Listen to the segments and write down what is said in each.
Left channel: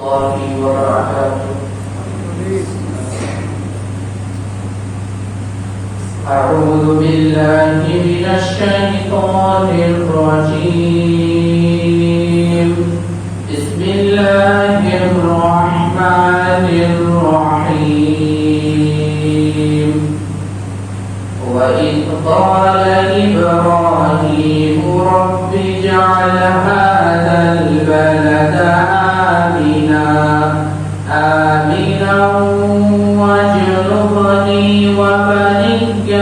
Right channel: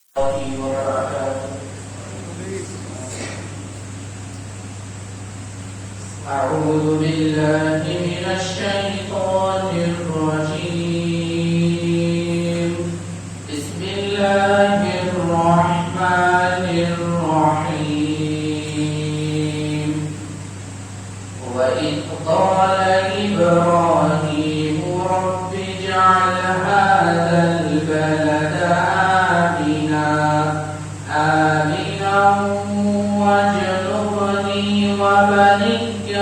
الله وبركاته. أعوذ بالله من الشيطان الرجيم. بسم الله الرحمن الرحيم. وإذ قال إبراهيم رب اجعل هذا البلد آمنا واجنبني وبني أن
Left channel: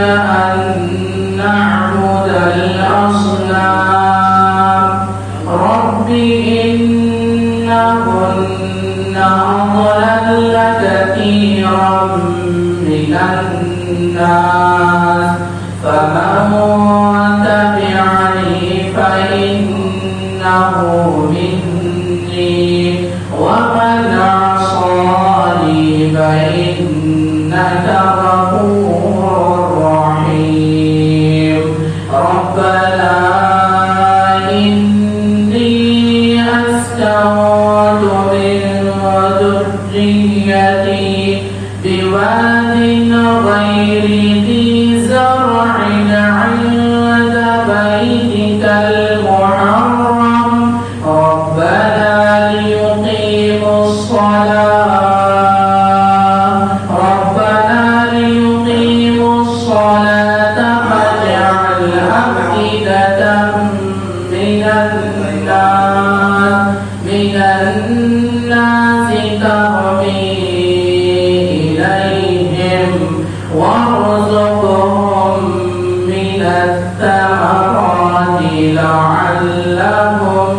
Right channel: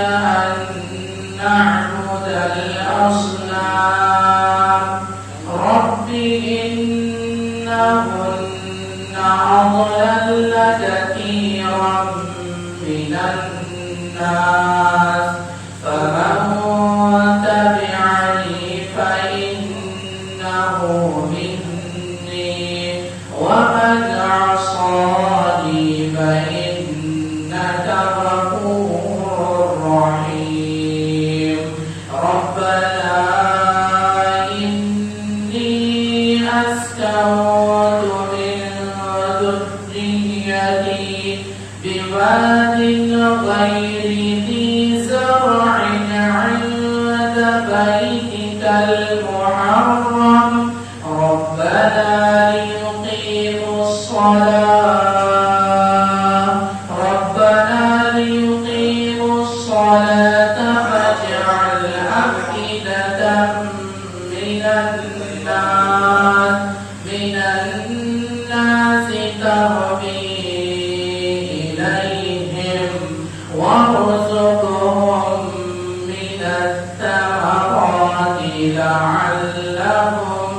نعبد الأصنام رب إنهن أضلل كثيرا من الناس فمن تبعني فإنه مني ومن عصاني فإنك غفور رحيم. ربنا إني أسكنت من ذريتي بواد غير ذي زرع عند بيتك المحرم ربنا ليقيموا الصلاة فاجعل أفئدة من الناس تهوي إليهم وارزقهم من الثمرات لعلهم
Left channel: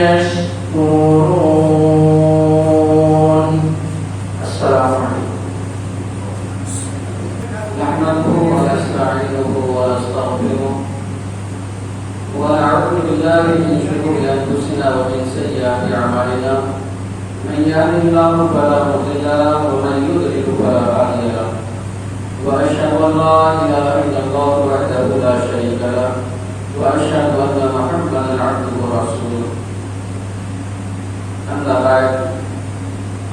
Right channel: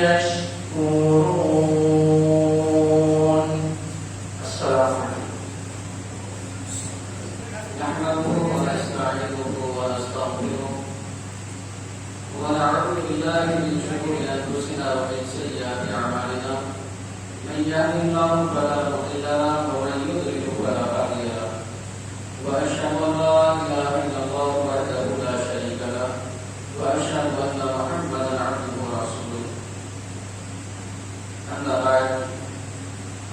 يشكرون. السلام عليكم. نحمده ونستعينه ونستغفره ونعوذ بالله من شرور أنفسنا ومن سيئات أعمالنا من يهده الله فلا مضل له ومن يضلل فلا هادي له وأشهد أن لا إله إلا الله وحده لا شريك له وأشهد أن محمدا عبده ورسوله. أما بعد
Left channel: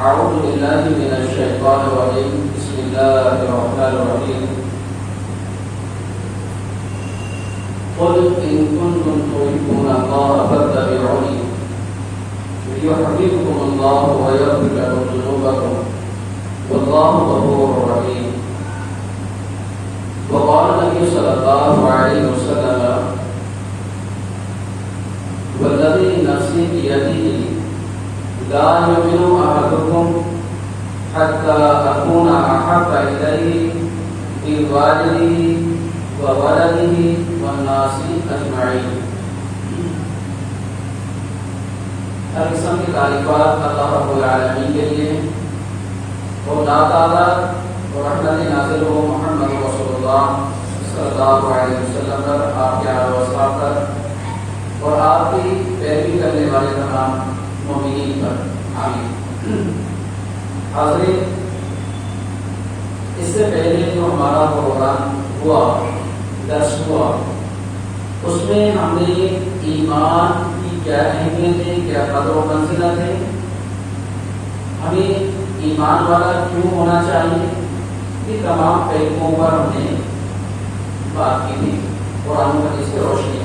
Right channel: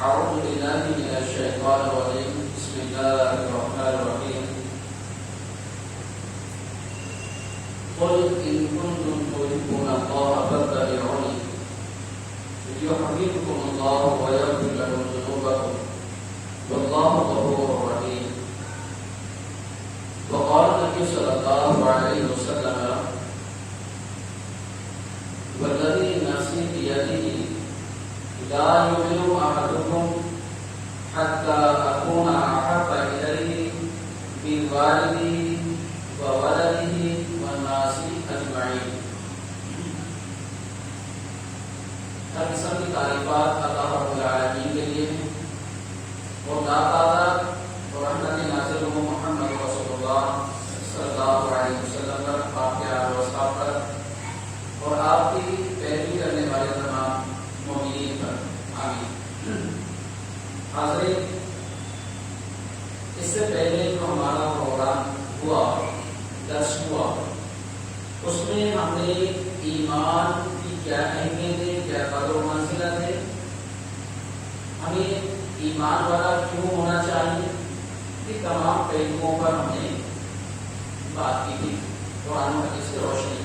أعوذ بالله من الشيطان الرجيم. بسم الله الرحمن الرحيم. قل إن كنتم تحبون الله فاتبعوني يحببكم الله ويغفر لكم ذنوبكم والله غفور رحيم. وقال النبي صلى الله عليه وسلم والذي نفسي بيده لا يؤمن أحدكم حتى أكون أحب إليه من والده وولده والناس أجمعين. ہر قسم کی تعریفات اللہ رب العالمین کے لیے اور اللہ تعالیٰ اور رحمت نازل ہو محمد رسول اللہ صلی اللہ علیہ وسلم پر، آپ کے آل و اصحاب پر اور آپ کی پیروی کرنے والے تمام مومنین پر، آمین۔ حاضرین، اس سے پہلے جو ہمارا پروگرام ہوا، درس ہوا، اس میں ہم نے ایمان کی کیا اہمیت ہے، کیا قدر و منزلت ہے، ہمیں ایمان والا کیوں ہونا چاہیے، یہ تمام پہلوؤں پر ہم نے بات کی تھی اور ہم اس سے روشنی ہے۔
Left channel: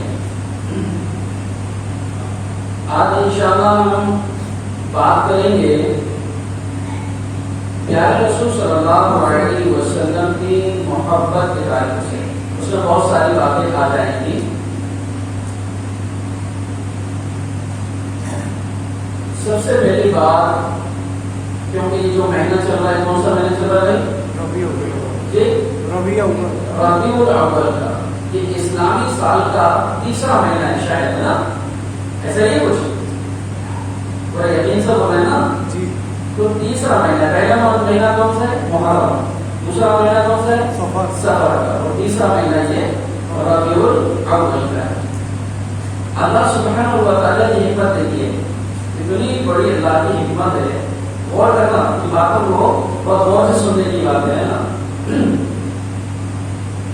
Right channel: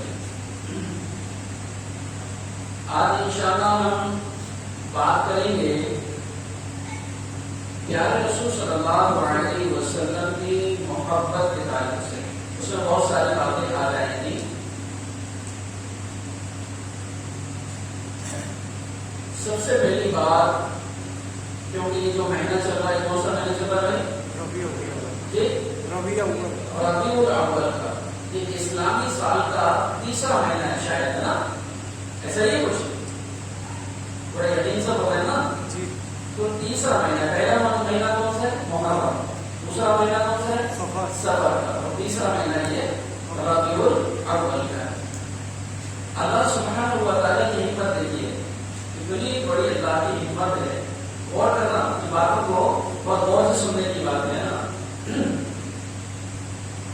آج انشاءاللہ ہم بات کریں گے پیارے رسول صلی اللہ علیہ وسلم کی محبت کے تعلق سے۔ اس میں بہت ساری باتیں آ جائیں گی۔ سب سے پہلی بات، کیونکہ یہ جو مہینہ چل رہا ہے، کون سا مہینہ چل رہا ہے؟ ربیع الاول کا، یہ اسلامی سال کا تیسرا مہینہ ہے شاید، ہے نا؟ ایسا ہی کچھ پورا یقین سے بول رہے ہیں نا جی؟ تو تیسرا مہینہ، پہلا مہینہ کون سا ہے؟ محرم، دوسرا مہینہ کون سا ہے؟ سفر کا، اور تیسرا مہینہ یہ ربیع الاول کا ہے۔ اللہ سبحانہ و تعالیٰ کی حکمت دیکھیے، اتنی بڑی اللہ کی حکمت ہے، غور کرنا کی باتوں کو بہت غور سے سننے کی بات ہے نا۔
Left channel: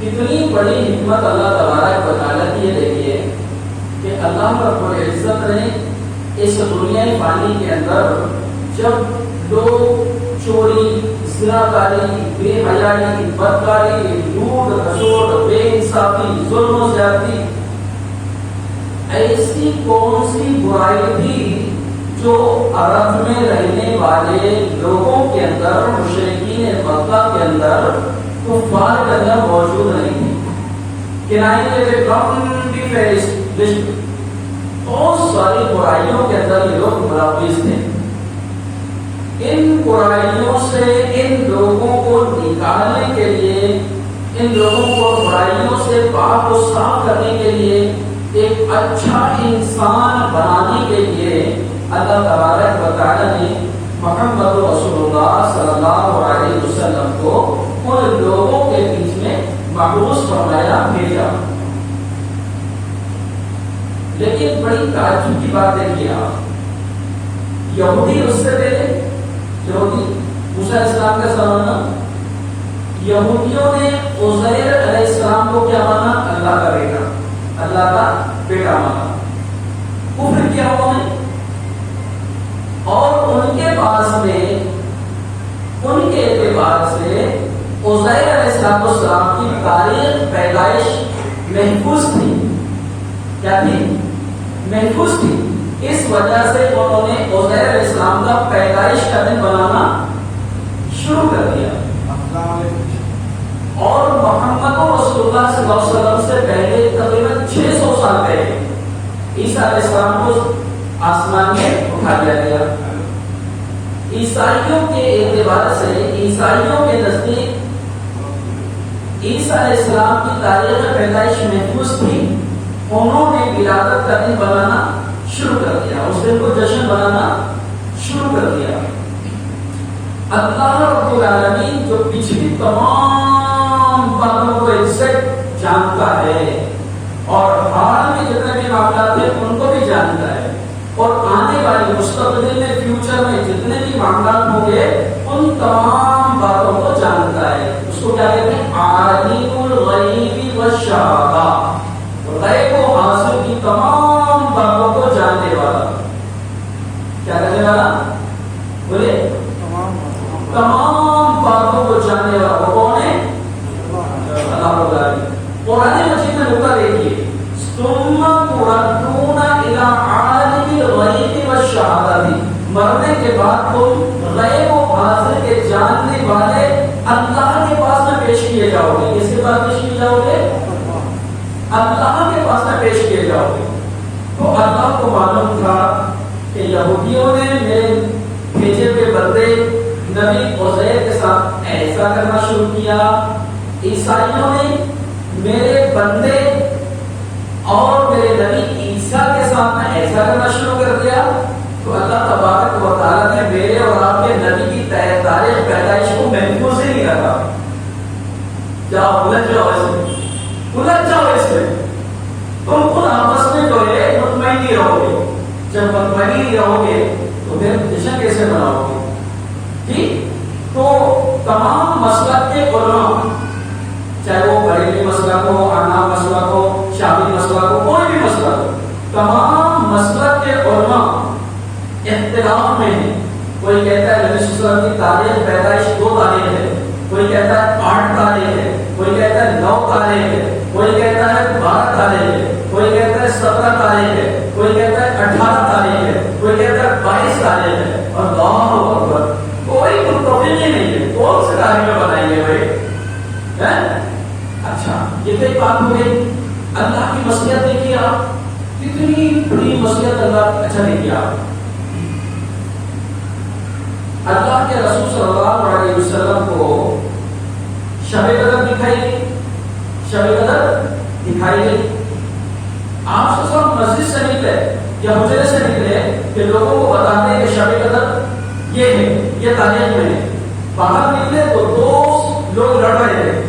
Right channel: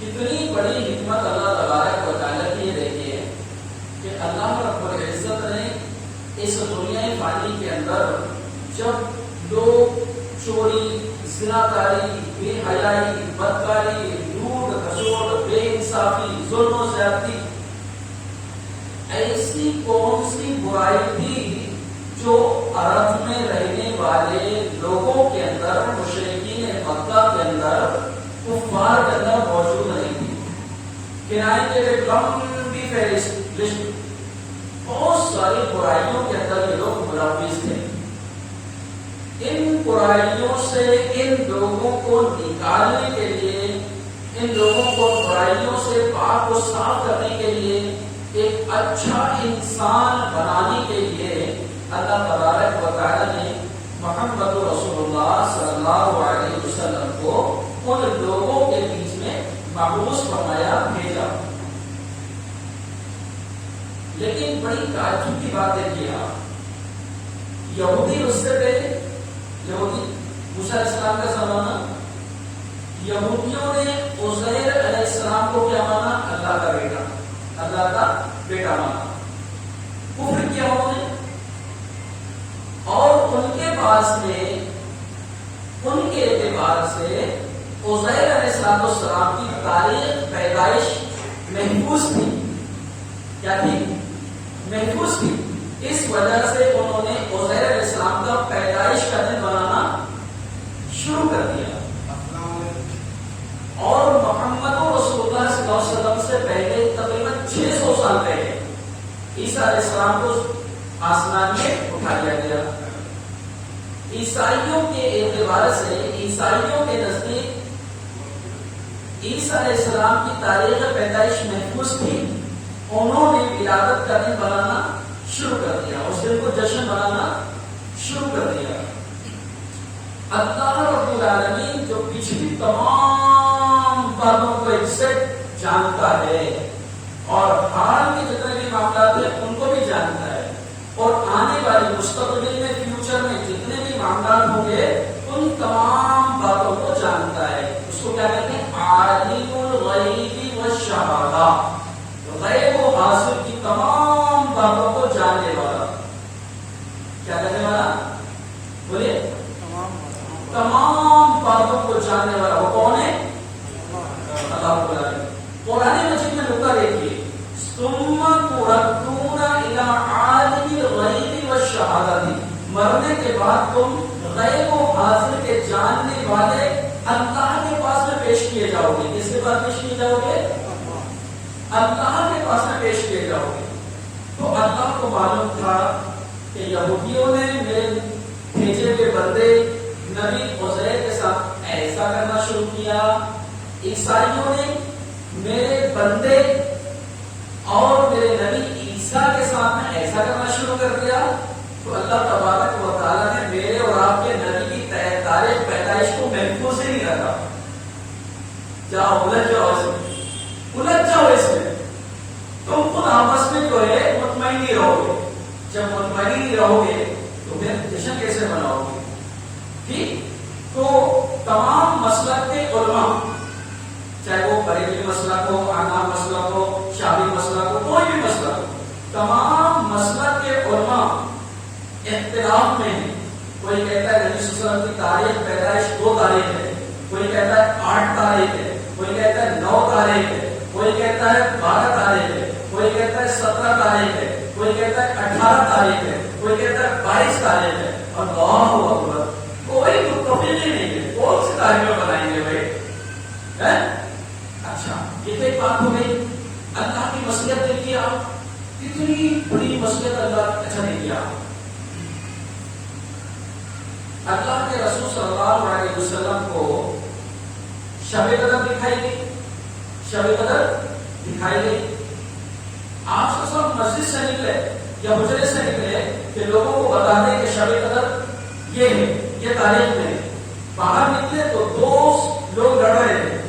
کتنی بڑی حکمت اللہ تبارک و تعالیٰ کی یہ دیکھیے کہ اللہ رب العزت نے اس دنیا فانی کے اندر جب لوگ چوری، زناکاری، بے حیائی، بدکاری، لوٹ کھسوٹ، بے انصافی، ظلم و زیادتی، ایسی کون سی برائی تھی جو عرب میں رہنے والے لوگوں کے اندر، مشرکین مکہ کے اندر، کفار کے اندر موجود نہیں تھی؟ کنائے کے لیے لمبی فہرست لسٹ، بہت ساری برائیوں کے اندر یہ لوگ ملوث تھے. ان برائیوں سے ان لوگوں کو نکالنے کے لیے، ان لوگوں کو برائیوں سے پاک و صاف کرنے کے لیے، ایک اچھا انسان بنانے کے لیے اللہ تبارک و تعالی نے محمد رسول اللہ صلی اللہ علیہ وسلم کو ان لوگوں کے بیچ میں مبعوث فرمایا، بھیجا. لیکن بڑی تعجب کی بات ہے آپ، یہودی اس سے پہلے، یہودی موسیٰ علیہ السلام کا زمانہ، یہودیوں نے عزیر علیہ السلام کو کیا مانا؟ اللہ کا بیٹا، اللہ کا بیٹا مانا، کفر کیا انہوں نے. اور ان کے پاس میں، ان کے اعتبار سے عزیر علیہ السلام کی تاریخ پیدائش محفوظ تھی. کیا تھی؟ محفوظ تھی. اس وجہ سے انہوں نے عزیر علیہ السلام کا پیدائش کا دن بنانا شروع کر دیا. اور محمد رسول اللہ صلی اللہ علیہ وسلم سے پہلے تقریباً 600 سال پہلے عیسیٰ علیہ السلام کو آسمان میں اٹھا دیا گیا. عیسائیوں کے اعتبار سے، عیسائیوں کے نزدیک عیسیٰ علیہ السلام کی تاریخ پیدائش محفوظ تھی. انہوں نے ولادت کا دن بنانا شروع کر دیا، اس دن کو جشن بنانا شروع کر دیا. اللہ رب العالمین جو پچھلی تمام باتوں کو ایگزیکٹ جانتا ہے، اور حال میں جتنے بھی معاملات ہیں ان کو بھی جانتا ہے، اور آنے والی مستقبل میں، فیوچر میں جتنے بھی معاملات ہوں گے ان تمام باتوں کو جانتا ہے. اس کو کیا کہتے ہیں؟ عالم الغیب والشہادہ، غیب و حاضر کی تمام باتوں کو جاننے والا. کیا کرنے والا؟ بولے تمام باتوں کو جاننے والا. وہ کون ہے؟ اللہ رب العالمین. قرآن مجید میں نقطہ دیکھیے، ثم تردون الی عالم الغیب والشہادہ، مرنے کے بعد تم غیب و حاضر کے جاننے والے اللہ کے پاس میں پیش کیے جاؤ گے. کس کے پاس پیش کیے جاؤ گے؟ اللہ کے پاس میں پیش کیے جاؤ گے. تو اللہ کو معلوم تھا کہ یہودیوں نے میرے بھیجے ہوئے بندے نبی عزیر کے ساتھ ایسا کرنا شروع کیا، عیسائیوں نے میرے بندے اور میرے نبی عیسیٰ کے ساتھ میں ایسا کرنا شروع کر دیا. تو اللہ تبارک و تعالیٰ نے میرے اور آپ کے نبی کی تاریخ پیدائش کو محفوظ ہی نہیں رکھا. جاؤ الجھ جاؤ، الجھ جاؤ اس میں. تم خود آپس میں جو ہے مطمئن نہیں رہو گے. جب مطمئن نہیں رہو گے تو پھر جشن کیسے مناؤ گے؟ ٹھیک. تو تمام مسلک کے علماء، چاہے وہ بریلوی مسلک ہو، حناف مسلک ہو، شافعی مسلک ہو، کوئی بھی مسلک ہو، تمام مسلک کے علماء اختلاف میں ہیں. کوئی کہتا ہے نبی صلی اللہ علیہ وسلم کی تاریخ پیدائش 2 تاریخ ہے، کوئی کہتا ہے 8 تاریخ ہے، کوئی کہتا ہے 9 تاریخ ہے، کوئی کہتا ہے 12 تاریخ ہے، کوئی کہتا ہے 17 تاریخ ہے، کوئی کہتا ہے 18 تاریخ ہے، کوئی کہتا ہے 22 تاریخ ہے. اور اللہ اکبر، کوئی متفق ہی نہیں ہے. کون سی تاریخ بتائیں گے بھائی؟ اچھا، یہ تو ایک بات ہو گئی. اللہ کی مصلحت دیکھیے آپ، کتنی بڑی مصلحت اللہ اچھا دیکھیے آپ. اللہ کے رسول صلی اللہ علیہ وسلم کو شب قدر دکھائی گئی، شب قدر دکھائی گئی. آپ سے سب مسجد سے نکلے یا حجرے سے نکلے کہ لوگوں کو بتاتے ہیں کہ شب قدر یہ ہے، یہ تاریخ میں ہے. باہر نکلے تو 2 لوگ لڑ رہے تھے.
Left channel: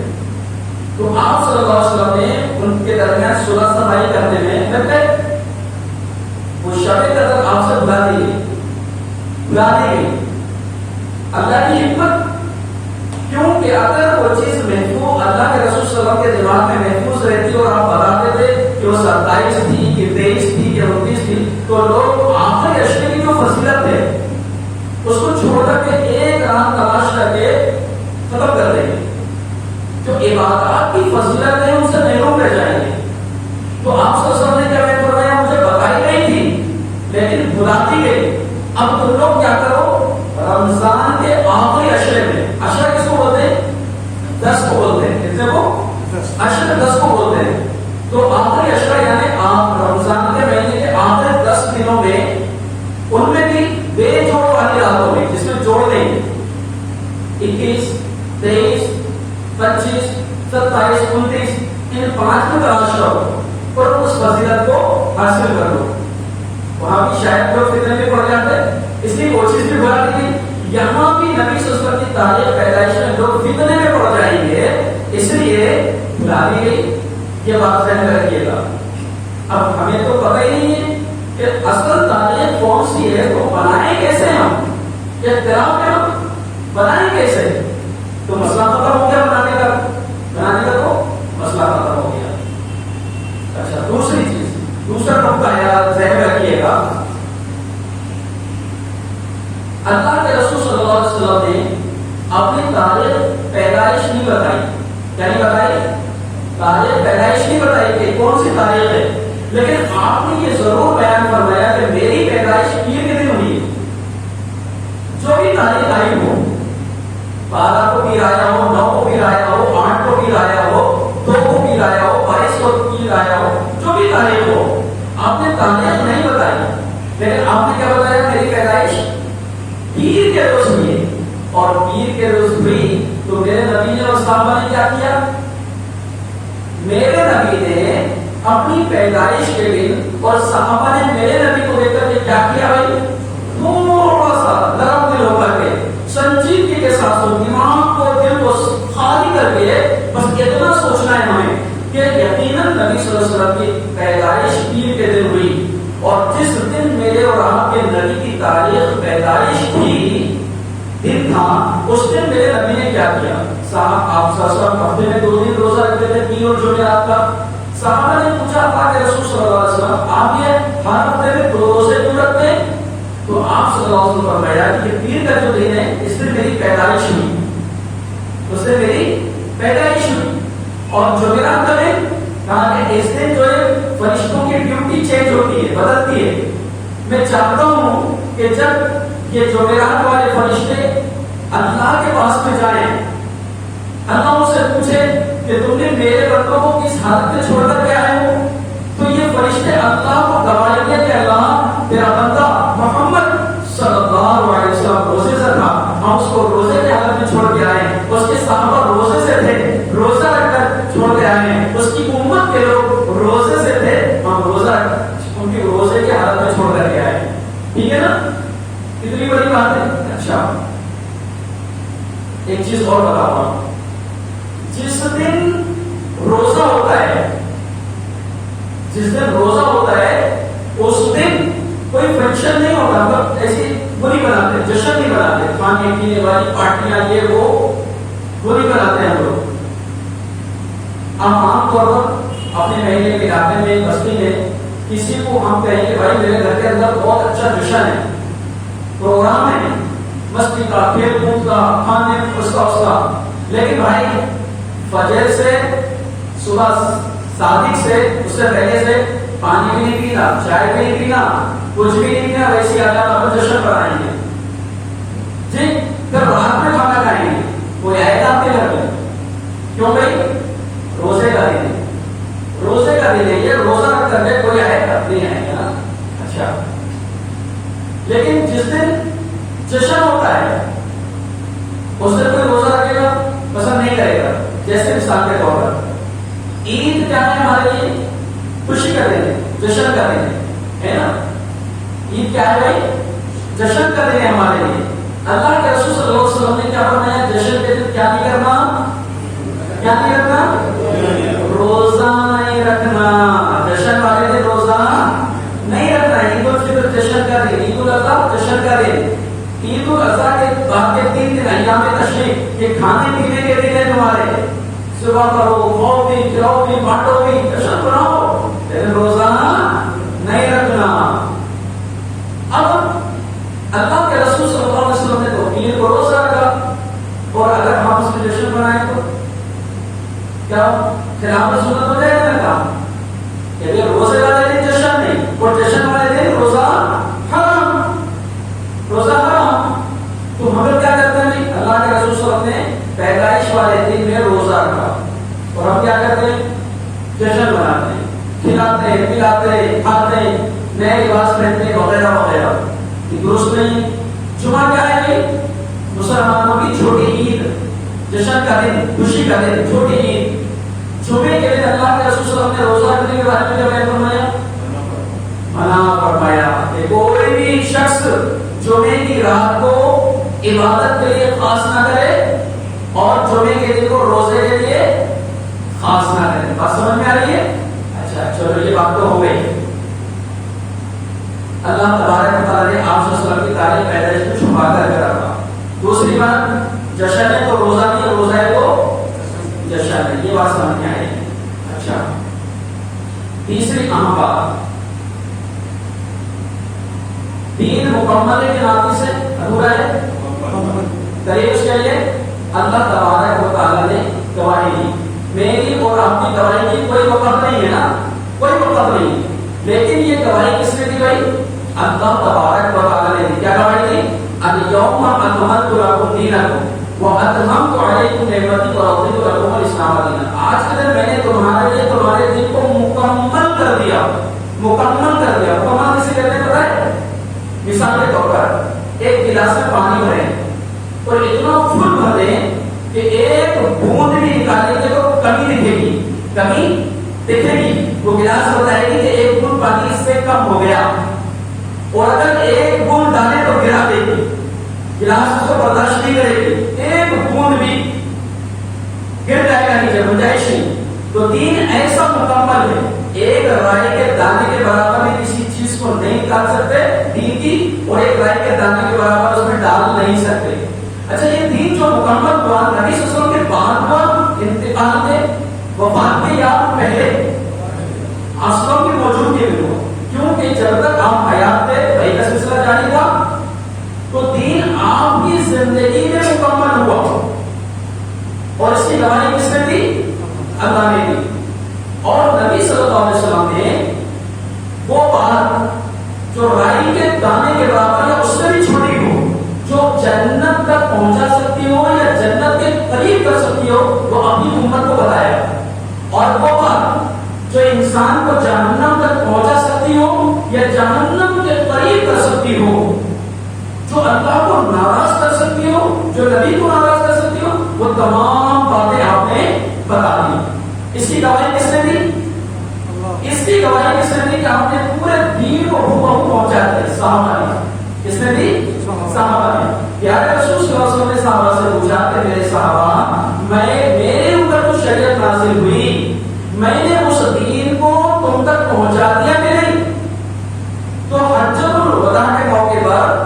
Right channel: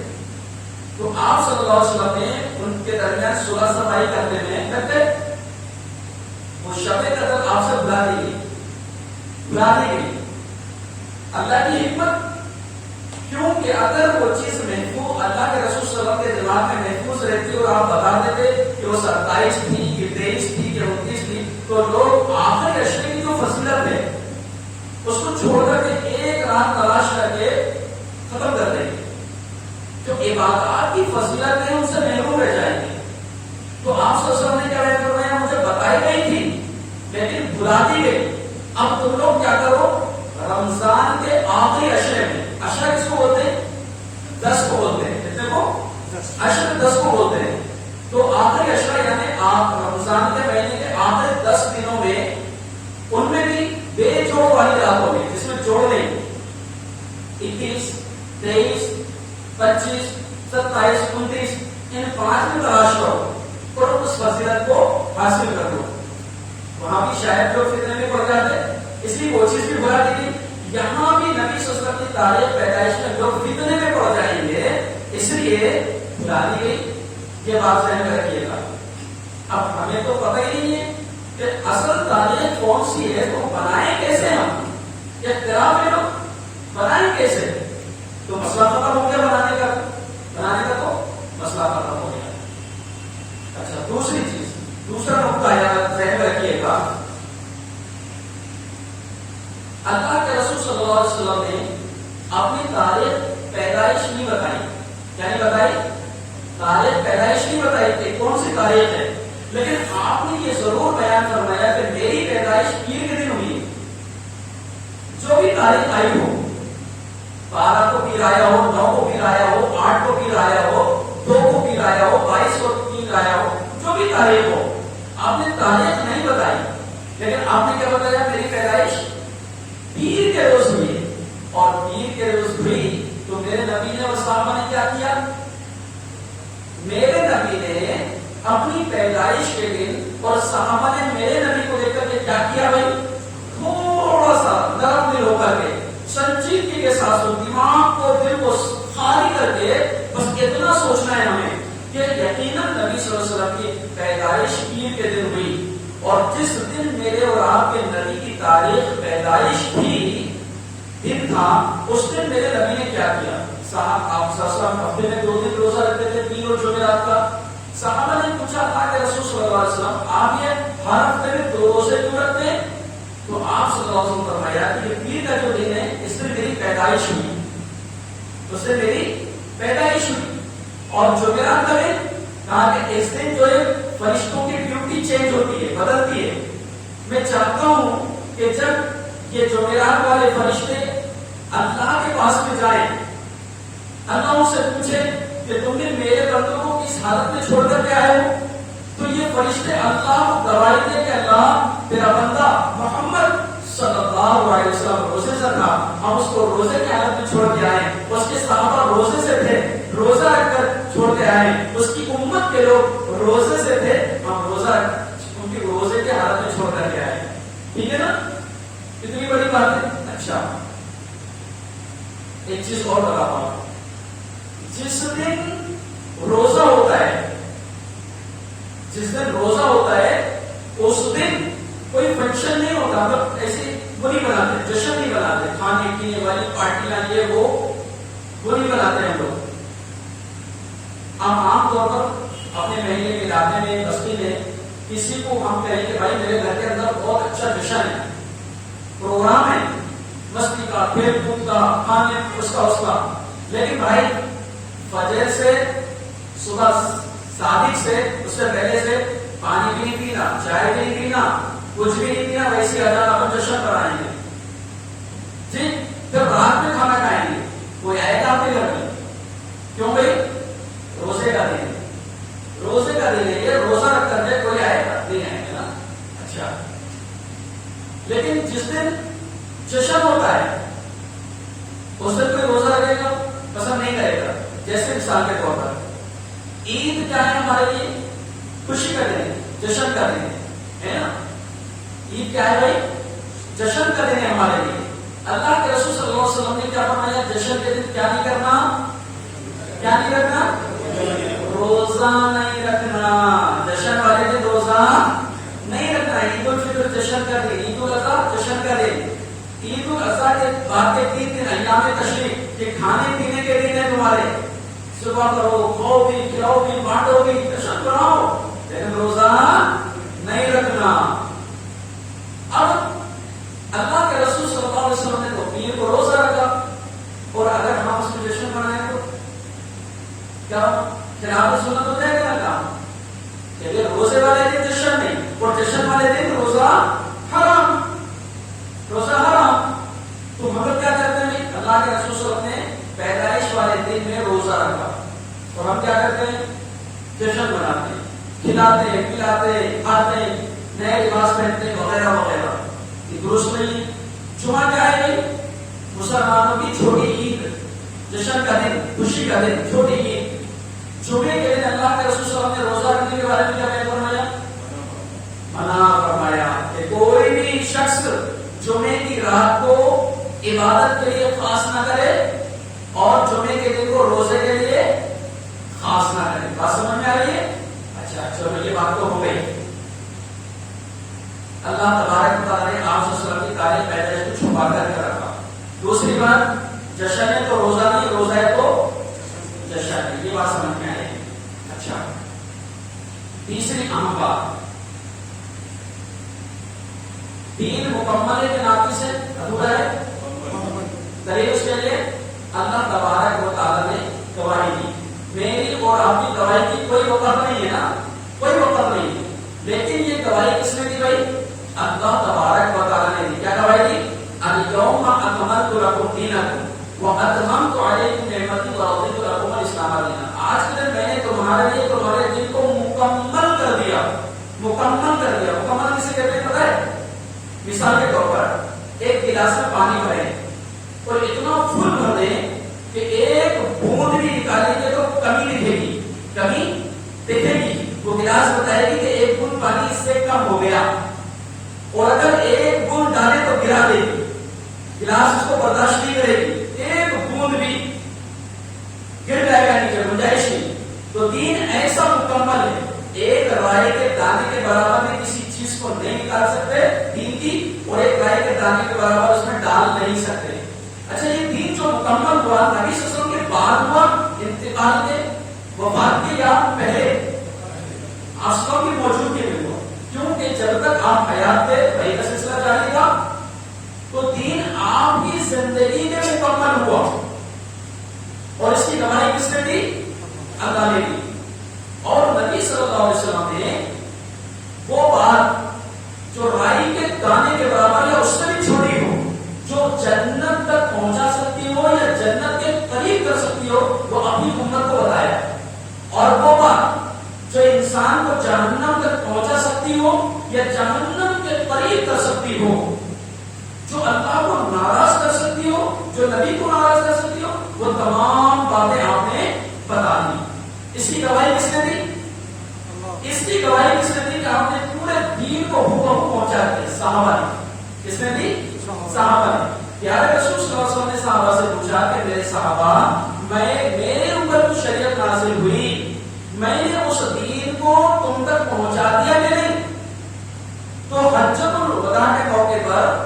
تو آپ صلی اللہ علیہ وسلم نے ان کے درمیان صلح صفائی کرنے میں لگ گئے. وہ شب قدر آپ سے بلا دی گئی. اللہ کی حکمت، کیونکہ اگر وہ چیز محفوظ اللہ کے رسول صلی اللہ علیہ وسلم کے دماغ میں محفوظ رہتی اور آپ بتاتے تھے کہ وہ 27 تھی، کہ 23 تھی، کہ 29 تھی، تو لوگ آخر اشرے کی جو فضیلت ہے اس کو چھوڑ کر کے ایک راہ تلاش کر کے ختم کر دیں گے. جو عبادات کی فضیلت ہے ان سے محروم رہ جائیں گے. تو آپ صلی اللہ علیہ وسلم نے کیا بیان فرمایا؟ مجھے بتائی گئی تھی لیکن بھلاتی گئی. اب تم لوگ کیا کرو، رمضان کے آخری عشرے میں، عشرہ کس کو بولتے ہیں؟ 10 کو بولتے ہیں. کتنے کو؟ عشرہ 10 کو بولتے ہیں. تو آخری عشرہ یعنی آپ رمضان کے مہینے کے آخری 10 دنوں میں ان میں بھی بے جوڑ والی راتوں میں، جس میں جوڑ لیں 21 23 25 27 29 ان 5 میں تلاش کرو اور اس فضیلت کو حاصل کر لو. وہاں بھی شاید لوگ فتنے میں پڑ جاتے ہیں، اس لیے وہ چیز بھی بڑھا دی تھی. یہاں بھی نبی صلی اللہ علیہ وسلم کی تاریخ پیدائش میں لوگ فتنے میں پڑ جائیں گے، اس لیے بلا دی گئی. یہ بات ذہن میں رکھیے گا. اب ہمیں تو پتہ ہی نہیں ہے کہ اصل تاریخ کون سی ہے، تو بنائیں کیسے ہم، اختلاف ہے بنائیں کیسے؟ تو مسئلہ ختم ہو گیا بنانے کا تو مسئلہ ختم ہو گیا. اچھا دوسری چیز، دوسرا نقطہ ذہن میں رکھیے گا. اللہ کے رسول صلی اللہ علیہ وسلم نے اپنی تاریخ پیدائش نہیں بتائی. کیا نہیں بتائی؟ تاریخ پیدائش نہیں بتائی کہ کون سی تاریخ ہے، لیکن آپ نے یہ ضرور بیان فرمایا کہ میری پیدائش پیر کے دن ہوئی. جو بھی تاریخ آئی ہو، 12 کو پیر آیا ہو، 9 کو پیر آیا ہو، 8 کو پیر آیا ہو، 2 کو پیر آیا ہو، 22 کو پیر آیا ہو، جو بھی تاریخ ہو، آپ نے تاریخ نہیں بتائی، لیکن آپ نے کیا بتایا؟ میری پیدائش پیر کے روز ہوئی ہے. اور پیر کے روز ہوئی تو میرے نبی نے اور صحابہ نے کیا کیا؟ میرے نبی نے اپنی پیدائش کے دن اور صحابہ نے میرے نبی کو دیکھ کر کے کیا کیا؟ بھائی تھوڑا سا نرم دل ہو کر کے، سنجیدگی کے ساتھ دماغ کو، دل کو خالی کر کے بس اتنا سوچنا ہے ہمیں کہ یقیناً نبی صلی اللہ علیہ وسلم کی پیدائش پیر کے دن ہوئی. اور جس دن میرے اور آپ کے نبی کی تاریخ پیدائش کی دن تھا، اس دن میرے نبی نے کیا کیا؟ صاحب آپ صلی اللہ علیہ وسلم ہفتے میں 2 دن روزہ رکھتے تھے، 3 اور جمعرات کا. صحابہ نے پوچھا تھا کہ رسول صلی اللہ علیہ وسلم آپ یہ ہر ہفتے میں 2 روزے کیوں رکھتے ہیں؟ تو آپ صلی اللہ علیہ وسلم فرمایا کہ یہ پیر کا جو دن ہے اس دن میری پیدائش ہوئی، اس دن میری پیدائش ہوئی. اور جمعرات کا دن کہا کہ اس دن جو ہے فرشتوں کی ڈیوٹی چینج ہوتی ہے، بدلتی ہے. میں چاہتا ہوں کہ جب یہ جمعرات والے فرشتے اللہ کے پاس میں جائیں، اللہ ان سے پوچھے کہ تم نے میرے بندوں کو کس حالت میں چھوڑ کر کے آئے ہو، تو یہ فرشتے اللہ کو گواہی دیں کہ اللہ تیرا بندہ محمد صلی اللہ علیہ وسلم روزے سے تھا، ہم اس کو روزے کے حالت میں چھوڑ کے آئے. اس کے صحابہ روزے سے تھے، روزہ رکھ کر چھوڑ کے آئے. اس کی امت کے لوگ روزے سے تھے، ہم روزہ ان کی روزے کی حالت میں چھوڑ کر کے آئے. ٹھیک ہے نا؟ اتنی بڑی بات ہے. اچھا ایک چیز اور بتاؤں گا. جس دن روزہ ہوتا ہے، جس دن روزہ ہوتا ہے اس دن کوئی فنکشن نہیں ہوتا، مطلب ایسی وہ نہیں بناتے، جشن نہیں بناتے، کھانے پینے والی پارٹیاں یہ وہ نہیں بناتے ہیں لوگ. ہم عام طور پر اپنے مہینے کے علاقے میں، بستی میں کسی کو ہم کہیں کہ بھائی میرے گھر کے اندر بہت اچھا جشن ہے، پروگرام ہے، مستی کا، کھیل کود کا، کھانے اس کا. لیکن بھائی فجر سے صبح صادق سے اس سے پہلے سے پانی بھی نہیں پینا، چائے بھی نہیں پینا، کچھ بھی نہیں پینا، ویسے آ جانا ہم جشن کرائیں گے جی. پھر رات میں کھانا کھائیں گے، کوئی آئے گا آپ کے گھر میں؟ کیوں بھائی؟ روزے کا دن ہے، روزے کا دن ہے، یہ روزہ رکھ کر کے کوئی آئے گا نہیں آئے گا. اچھا لیکن جس دن جشن ہوتا ہے اس دن کوئی روزہ رکھے گا پسند نہیں کرے گا. جیسے مثال کے طور پر عید کیا ہے ہمارے لیے؟ خوشی کا دن ہے، جشن کا دن ہے نا. عید کیا ہے بھائی؟ جشن کا دن ہے ہمارے لیے. اللہ کے رسول صلی اللہ علیہ وسلم نے کیا فرمایا؟ جشن کے دن کیا نہیں کرنا؟ کیا نہیں رکھنا؟ روزہ نہیں رکھنا. جشن والے دن روزہ نہیں رکھنا. عید الفطر جشن کا دن، عید الاضحیٰ جشن کا دن. عید الاضحیٰ کے بعد کے 3 دن ایام تشریق، یہ کھانے پینے کے دن ہے تمہارے. صبح کرو، کھاؤ بھی، کھلاؤ بھی، بانٹو بھی، جشن بناؤ، لیکن روزہ نہیں رکھنا. اب اللہ کے رسول صلی اللہ علیہ تو ہم لوگ کیا کرتے ہیں؟ اللہ کے رسول صلی اللہ علیہ وسلم نے پیدائش والے دن میں روزہ رکھا اور ہم کیا کرتے ہیں؟ جشن مناتے ہیں، کھلاتے ہیں، پلاتے ہیں، کھاتے ہیں، نئے لباس پہنتے ہیں وغیرہ وغیرہ. یہ درست نہیں. جمعہ کیا ہے؟ یہ مسلمانوں کی چھوٹی عید، جشن کا دن، خوشی کا دن، چھوٹی عید. جمعے کے دن اللہ کے رسول صلی اللہ علیہ وسلم نے روزہ رکھنے کے بارے میں کیا بیان فرمایا؟ منع فرمایا کہ کوئی بھی شخص جمعے کی رات کو عبادت کے لیے خاص نہ کرے اور جمعے کے دن کو روزے کے لیے خاص نہ کرے. بات سمجھ میں آ رہی ہے؟ اچھا چلو یہ بات تو ہو گئی. اللہ تبارک و تعالیٰ نے آپ صلی اللہ علیہ وسلم کی تاریخ پیدائش کو چھپا کر رکھا. دوسری بات، جشن ہے تو روزہ نہیں، روزہ ہے تو جشن ہے. یہ بات سمجھ میں آئی. اچھا تیسری اہم بات، دین مکمل ہے کہ ناقص ہے، ادھورا ہے؟ دلیل اس کے لیے اللہ تبارک و تعالیٰ نے گواہی دی. میری اور آپ کی گواہی کی کوئی وقت نہیں ہے نا، کوئی وقت نہیں. لیکن یہ گواہی کس نے دی بھائی؟ اللہ تبارک و تعالیٰ نے دی. کیا گواہی دی؟ اليوم اکملت لکم دینکم واتممت علیکم نعمتی ورضیت لکم الاسلام دینا. آج کے دن میں نے تمہارے لیے تمہارے دین کو مکمل کر دیا. مکمل کر دیا. مکمل کسی کہتے ہیں پتہ ہے؟ مثال کے طور پر ایک گلاس میں پانی بھریں اور اتنا فل بھر دیں کہ ایک بوند بھی نکالیں گے تو کمی دکھے گی، کمی دکھے گی. وہ گلاس بتائے گی کہ ایک بوند پانی اس سے کم ہو گیا، اور اگر ایک بوند ڈالے تو گرا دے گی. گلاس اس کو برداشت نہیں کرے گی، ایک بوند بھی گر جائے گا نیچے، گنجائش نہیں. تو دین ایسا مکمل ہے، ایک رائے کے دانے کے برابر میں کسی چیز کو نہیں نکال سکتے دین کی، اور ایک رائے کے دانے کے برابر اس میں ڈال نہیں سکتے. اچھا یہ دین جو مکمل ہوا نبی صلی اللہ علیہ وسلم کے بعد ہوا، انتقال کے وفات کے یا پہلے؟ اصلوں کی موجودگی میں ہوا، کیونکہ جب تک آپ حیات تھے وہی کا سلسلہ جاری تھا. تو دین آپ کی زندگی میں مکمل ہوا اور اس کی گواہی کس نے دی؟ اللہ نے دی. اور نبی صلی اللہ علیہ وسلم نے وہ بات جو رائی کے دانے کے برابر یا اس سے بھی چھوٹی ہو، جو جنت تک پہنچا سکتی ہو یا جنت کے قریب کر سکتی ہو، وہ اپنی امت کو بتایا. اور وہ بات جو انسان کو جہنم تک پہنچا سکتی ہو یا جہنم کے قریب کر سکتی ہو، جو اللہ کو ناراض کر سکتی ہو، جو نبی کو ناراض کر سکتی ہو، وہ تمام باتیں آپ نے بتا دی. اس کی گواہی کس نے دی؟ اس کی گواہی کس نے دی کہ آپ نے پورے دین کو بہو پہنچا دیا؟ صحابہ نے. کس نے دی؟ صحابہ نے. پیارے رسول صلی اللہ علیہ وسلم نے صحابہ سے پوچھا کہ میرے صحابہ، میرے اوپر جو شریعت نازل ہوئی، میں نے اس دین کو تم تک پہنچا دیا کہ نہیں؟ تو حجۃ الوداع کے موقع پر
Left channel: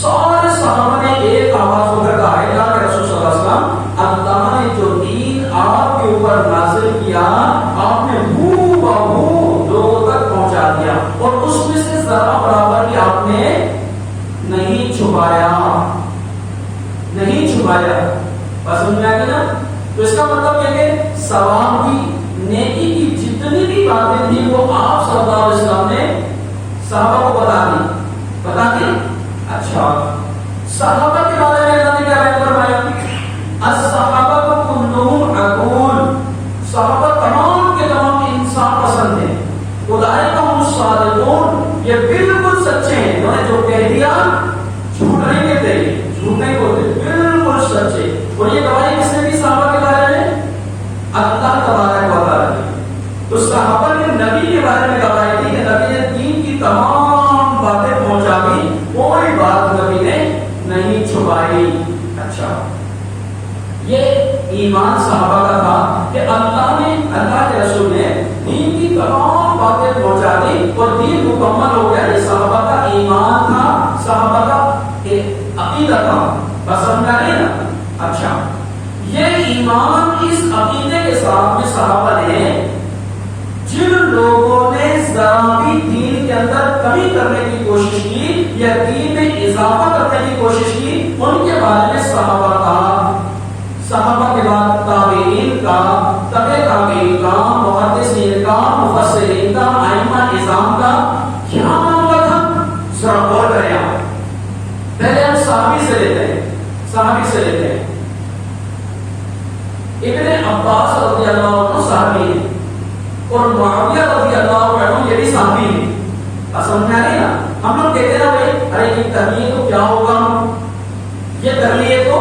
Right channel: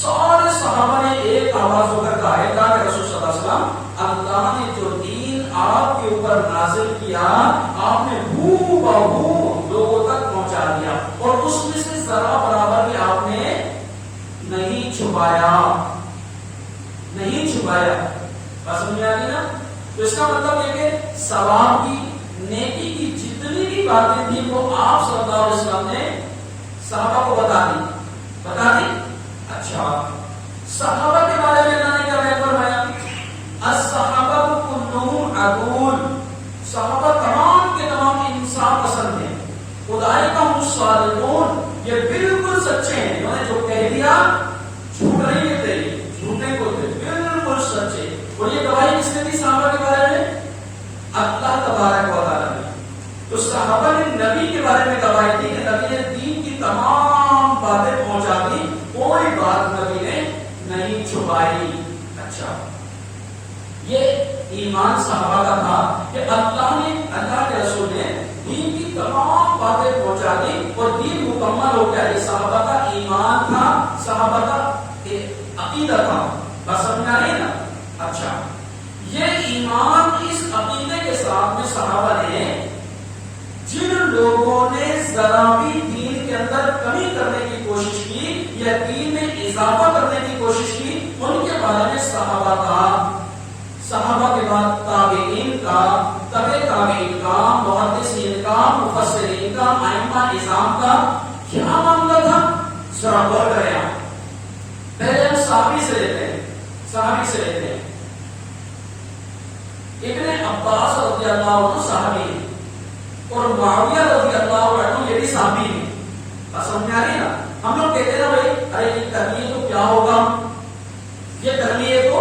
سارے صحابہ نے ایک آواز ہو کر کہا، اللہ کے رسول صلی اللہ علیہ وسلم، اللہ نے جو دین آپ کے اوپر نازل کیا، آپ نے ہو بہو لوگوں تک پہنچا دیا، اور اس میں سے ذرا برابر بھی آپ نے نہیں چھپایا، نہیں چھپایا. بس سمجھ میں آ گئی نا؟ تو اس کا مطلب یہ کہ ثواب کی، نیکی کی جتنی بھی باتیں تھیں وہ آپ صلی اللہ علیہ وسلم نے صحابہ کو بتا دی. اچھا صحابہ کے بارے میں اللہ نے کیا بیان فرمایا؟ الصحابہ کلهم عقول، صحابہ تمام کے تمام انصاف پسند ہیں. اولئک هم الصادقون، یہ بالکل سچے ہیں. انہوں نے جو کہہ دیا جھوٹ نہیں کہتے، جھوٹ نہیں بولتے، بالکل سچے. اور یہ گواہی کس نے دی صحابہ کے بارے میں؟ اللہ تبارک و تعالیٰ نے. تو صحابہ نے نبی کے بارے میں گواہی دی کہ نبی نے دین کی تمام باتیں پہنچا دی، کوئی بات نبی نے نہیں چھپائی. اچھا یہ ایمان صحابہ کا تھا کہ اللہ کے رسول نے دین کی تمام باتیں پہنچا دی اور دین مکمل ہو گیا. یہ صحابہ کا ایمان تھا، صحابہ کا عقیدہ تھا. بس سمجھا نہیں نا؟ اچھا یہ ایمان اس عقیدے کے ساتھ میں صحابہ نے جن لوگوں نے ذرا بھی دین کے اندر کمی کرنے کی کوشش کی یا دین میں اضافہ کرنے کی کوشش کی، ان کے بارے میں صحابہ کا، صحابہ کے بعد تابعین کا، تبع تابعین کا، محدثین کا، مفسرین کا، ائمہ نظام کا کیا معاملہ تھا؟ ذرا غور کریں. پہلے ہم صحابی سے لیتے ہیں. صحابی سے لیتے ہیں. ابن عباس رضی اللہ عنہ صحابی ہیں اور معاویہ رضی اللہ عنہ یہ بھی صحابی ہیں. سمجھ میں آ رہی نا؟ ہم لوگ کہتے ہیں نا بھائی ارے یہ کر لیے تو کیا ہوگا, یہ کر لیے تو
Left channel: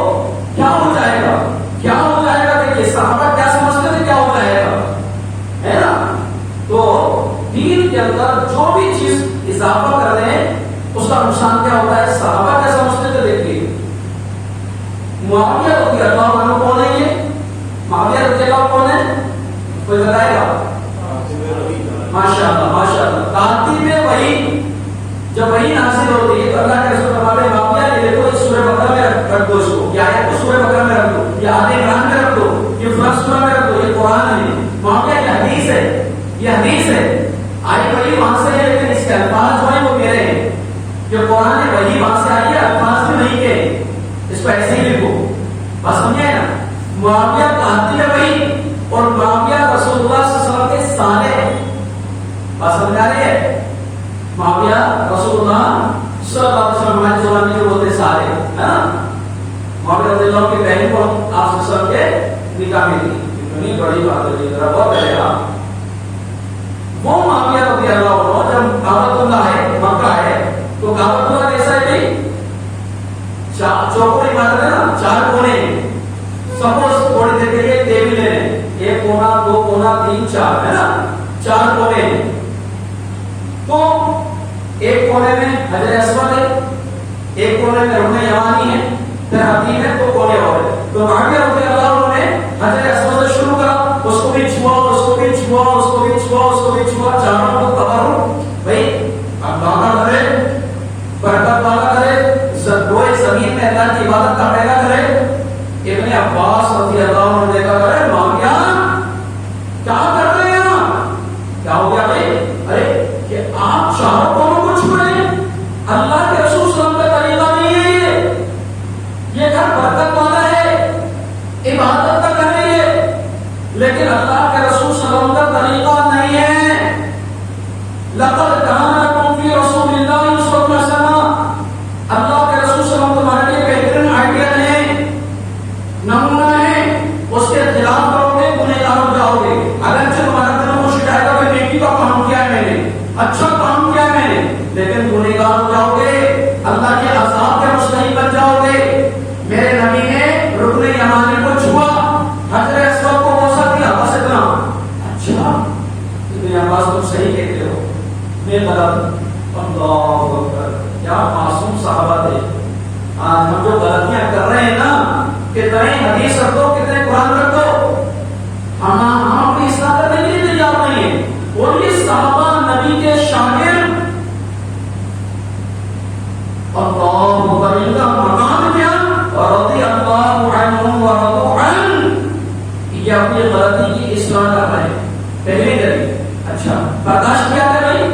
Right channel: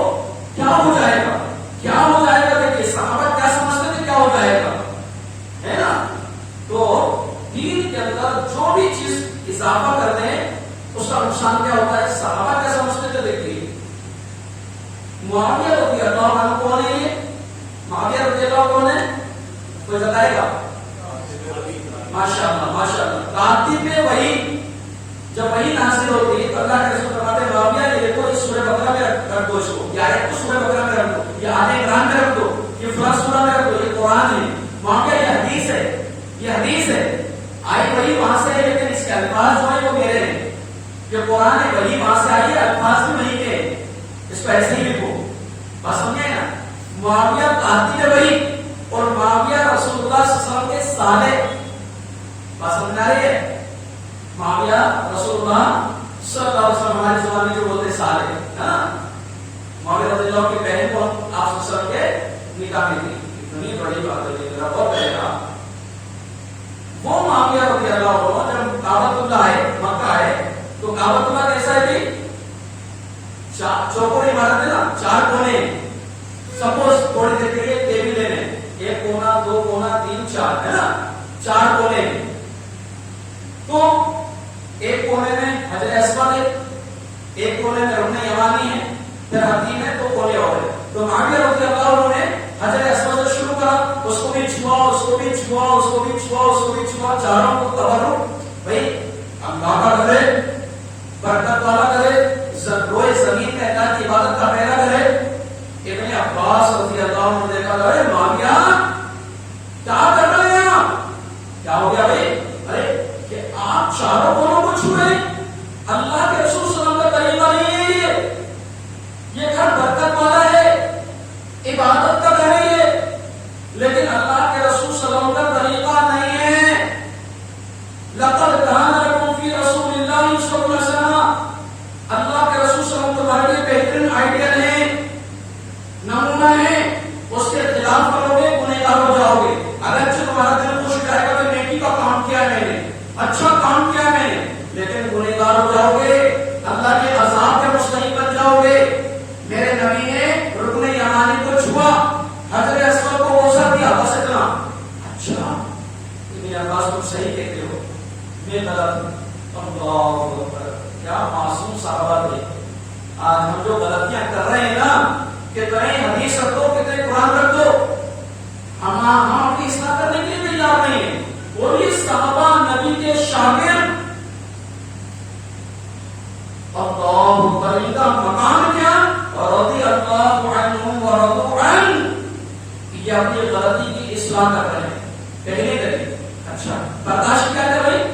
کیا ہو جائے گا, کیا ہو جائے گا. دیکھیے صحابہ کیا سمجھتے تھے کیا ہو جائے گا, ہے نا. تو دین کے اندر جو بھی چیز اضافہ کر دیں اس کا نقصان کیا ہوتا ہے. صحابہ کیا سمجھتے تھے. دیکھیے معاویہ رضی اللہ عنہ کون ہے, یہ معاویہ رضی اللہ کون ہے, کوئی بتائے گا. ماشاء اللہ ماشاء اللہ. ترتیب میں وہی جب وہی نازل ہوتی ہے تو اللہ کے رسول فرماتے ہیں معاویہ یہ دیکھو اس سورہ بقرہ میں رکھ دو, اس کو یا آیت کو سورہ بقرہ میں رکھ دو, یا آل عمران میں رکھ دو, یہ فلاں سورہ میں رکھ دو, یہ قرآن ہے. معاویہ یہ حدیث ہے, یہ حدیث ہے. آئی وہی وہاں سے ہے لیکن اس کے الفاظ جو ہیں وہ کہہ رہے ہیں کہ قرآن ہے وہی وہاں سے آئی ہے, الفاظ بھی نہیں کہ اس کو ایسے ہی لکھو. بس سمجھے نا. معاویہ ترتیب میں وہی اور معاویہ رسول اللہ صلی اللہ علیہ وسلم کے صالح. بات سمجھ آ رہی ہے. معاویہ رسول اللہ صلی اللہ علیہ وسلم ہمارے زبان میں جو بولتے صالح ہے نا. معاویہ رضی اللہ کی بہن کو آپ صلی اللہ علیہ وسلم کے نکاح میں دی. اتنی بڑی بات ہوئی ذرا غور کرے گا. وہ معاویہ رضی اللہ عنہ جب کعبۃ اللہ ہے مکہ ہے تو کعبۃ اللہ کیسا ہے بھائی, چوکور عمارت ہے نا, 4 کونے. سپوز تھوڑی دیر کے لیے ٹیبل لے لیں, 1 کونا 2 کونا 3 4 ہے نا, 4 کونے. تو ایک کونے میں حجر اسود ہے, ایک کونے میں رکن یمانی ہے, پھر حتیم ہے, 2 کونے اور ہے. تو معاویہ رضی اللہ عنہ نے حجر اسود سے شروع کرا, اس کو بھی چھوا, اس کو بھی چھوا, اس کو بھی چھوا, اس کو بھی چھوا, چاروں کو تبرک بھائی اللہ کرے, برکت والا کرے, روئے زمین میں اللہ کی عبادت کا پہلا کرے. ابن عباس رضی اللہ عنہ نے دیکھا کرے معاویہ کیا کر رہے ہیں, کیا ہو گیا بھائی, ارے کہ آپ چاروں کونوں کو چھو رہے ہیں, اللہ کے رسول صلی اللہ علیہ وسلم کا طریقہ نہیں ہے, یہ گھر برکت والا ہے, عبادت کا گھر ہے یہ, لیکن اللہ کے رسول صلی اللہ علیہ وسلم کا طریقہ نہیں ہے. لقد کان لکم فی رسول اللہ صلی اللہ علیہ وسلم, اللہ کے رسول صلی اللہ علیہ وسلم تمہارے لیے بہترین آئیڈیا ہے, نمونہ ہے. اس کے خلاف کرو گے گنہگار ہو جاؤ گے. اگرچہ تمہارا دل خوش جائے گا کہ نیکی کا کام کیا ہے میں نے, اچھا کام کیا ہے میں نے, لیکن گنہگار ہو جاؤ گے, اللہ کے عذاب کے مستحق بن جاؤ گے. میرے نبی نے رکن یمانی کو چھوا, حجر اسود کو بوسہ دیا, بس اتنا. اچھا ابن عباس تم صحیح کہتے ہو, میں غلط. اللہ اکبر, کیا معصوم صحابہ تھے. آج ہم جو غلطیاں کر رہے ہیں نا, کتنے حدیث رکھ دو, کتنے قرآن رکھ دو, ہم اپنی اصلاح کرنے کے لیے تیار نہیں ہیں. اور یہ صحابہ نبی کے شاگرد, اللہ اکبر, ان کا مقام کیا, رضی اللہ عنہم ورضوا عنہ. یہ اپنی غلطی کی اصلاح کر رہے ہیں پہلے دن. اچھا برداشت کیا کر رہے,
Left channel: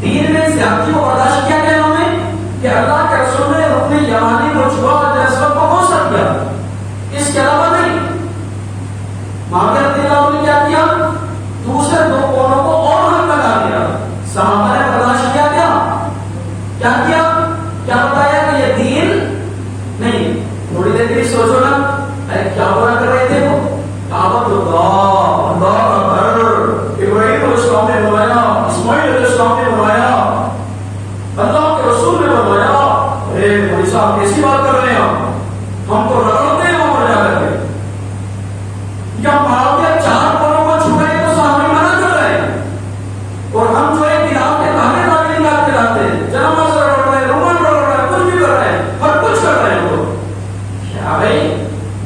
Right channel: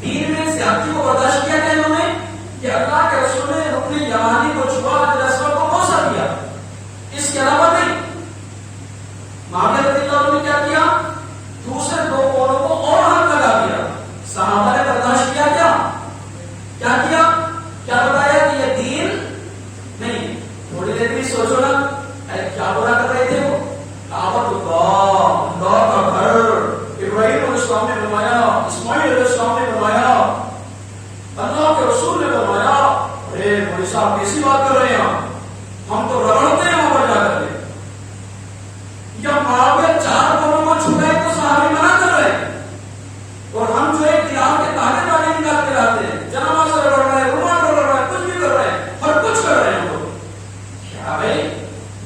دین میں زیادتی کو برداشت کیا کہ انہوں نے کہ اللہ کے رسول نے رکن یمانی کو چھوا, حجر اسود کو بوسہ دیا, اس کے علاوہ نہیں. معاویہ رضی اللہ عنہ نے کیا کیا, دوسرے 2 کونوں کو اور ہاتھ لگا دیا. صحابہ نے برداشت کیا, کیا کیا, کیا بتایا کہ یہ دین نہیں. تھوڑی دیر کے لیے سوچو نا, ارے کیا برا کر رہے تھے وہ, کعبۃ اللہ, اللہ کا گھر, ابراہیم علیہ السلام نے بنوایا, اسماعیل علیہ السلام نے بنوایا, اللہ کے رسول نے بنوایا. ارے مولوی صاحب کیسی بات کر رہے ہیں, ہم تو رگڑتے ہیں وہاں پر جا کر کے. جب معاویہ 4 کونوں کو چھو رہے تو صحابی منع کر رہے ہیں, اور ہم جو ہے بلال کے تابے تابے نکال کے لاتے ہیں, جناب سے رڑ رہے ہیں, رومان رڑ رہے ہیں, کچھ بھی کر رہے ہیں, ہر کچھ کر رہے ہیں. وہ کیا بھائی,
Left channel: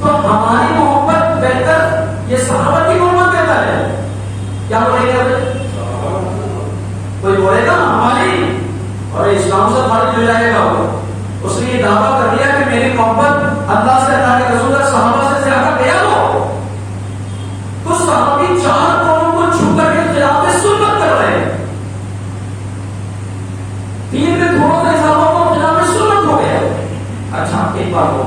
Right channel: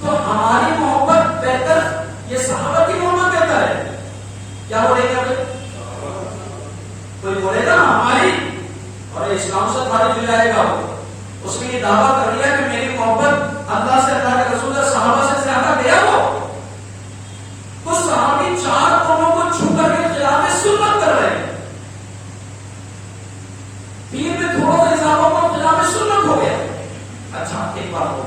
تو ہماری محبت بہتر یہ صحابہ کی محبت کہتا ہے. کیا بولے گا کوئی, بولے گا ہماری, اور اسلام سے خارج ہو جائے گا. اس نے یہ دعویٰ کر دیا کہ میری محبت اللہ سے, اللہ کے رسول سے, صحابہ سے زیادہ بیان ہو. تو صحابی 4 کونوں کو چھو کر کے خلاف سنت کر رہے ہیں. دین میں تھوڑا سا اضافہ کو خلاف سنت ہو گیا. اچھا ایک بات ہو,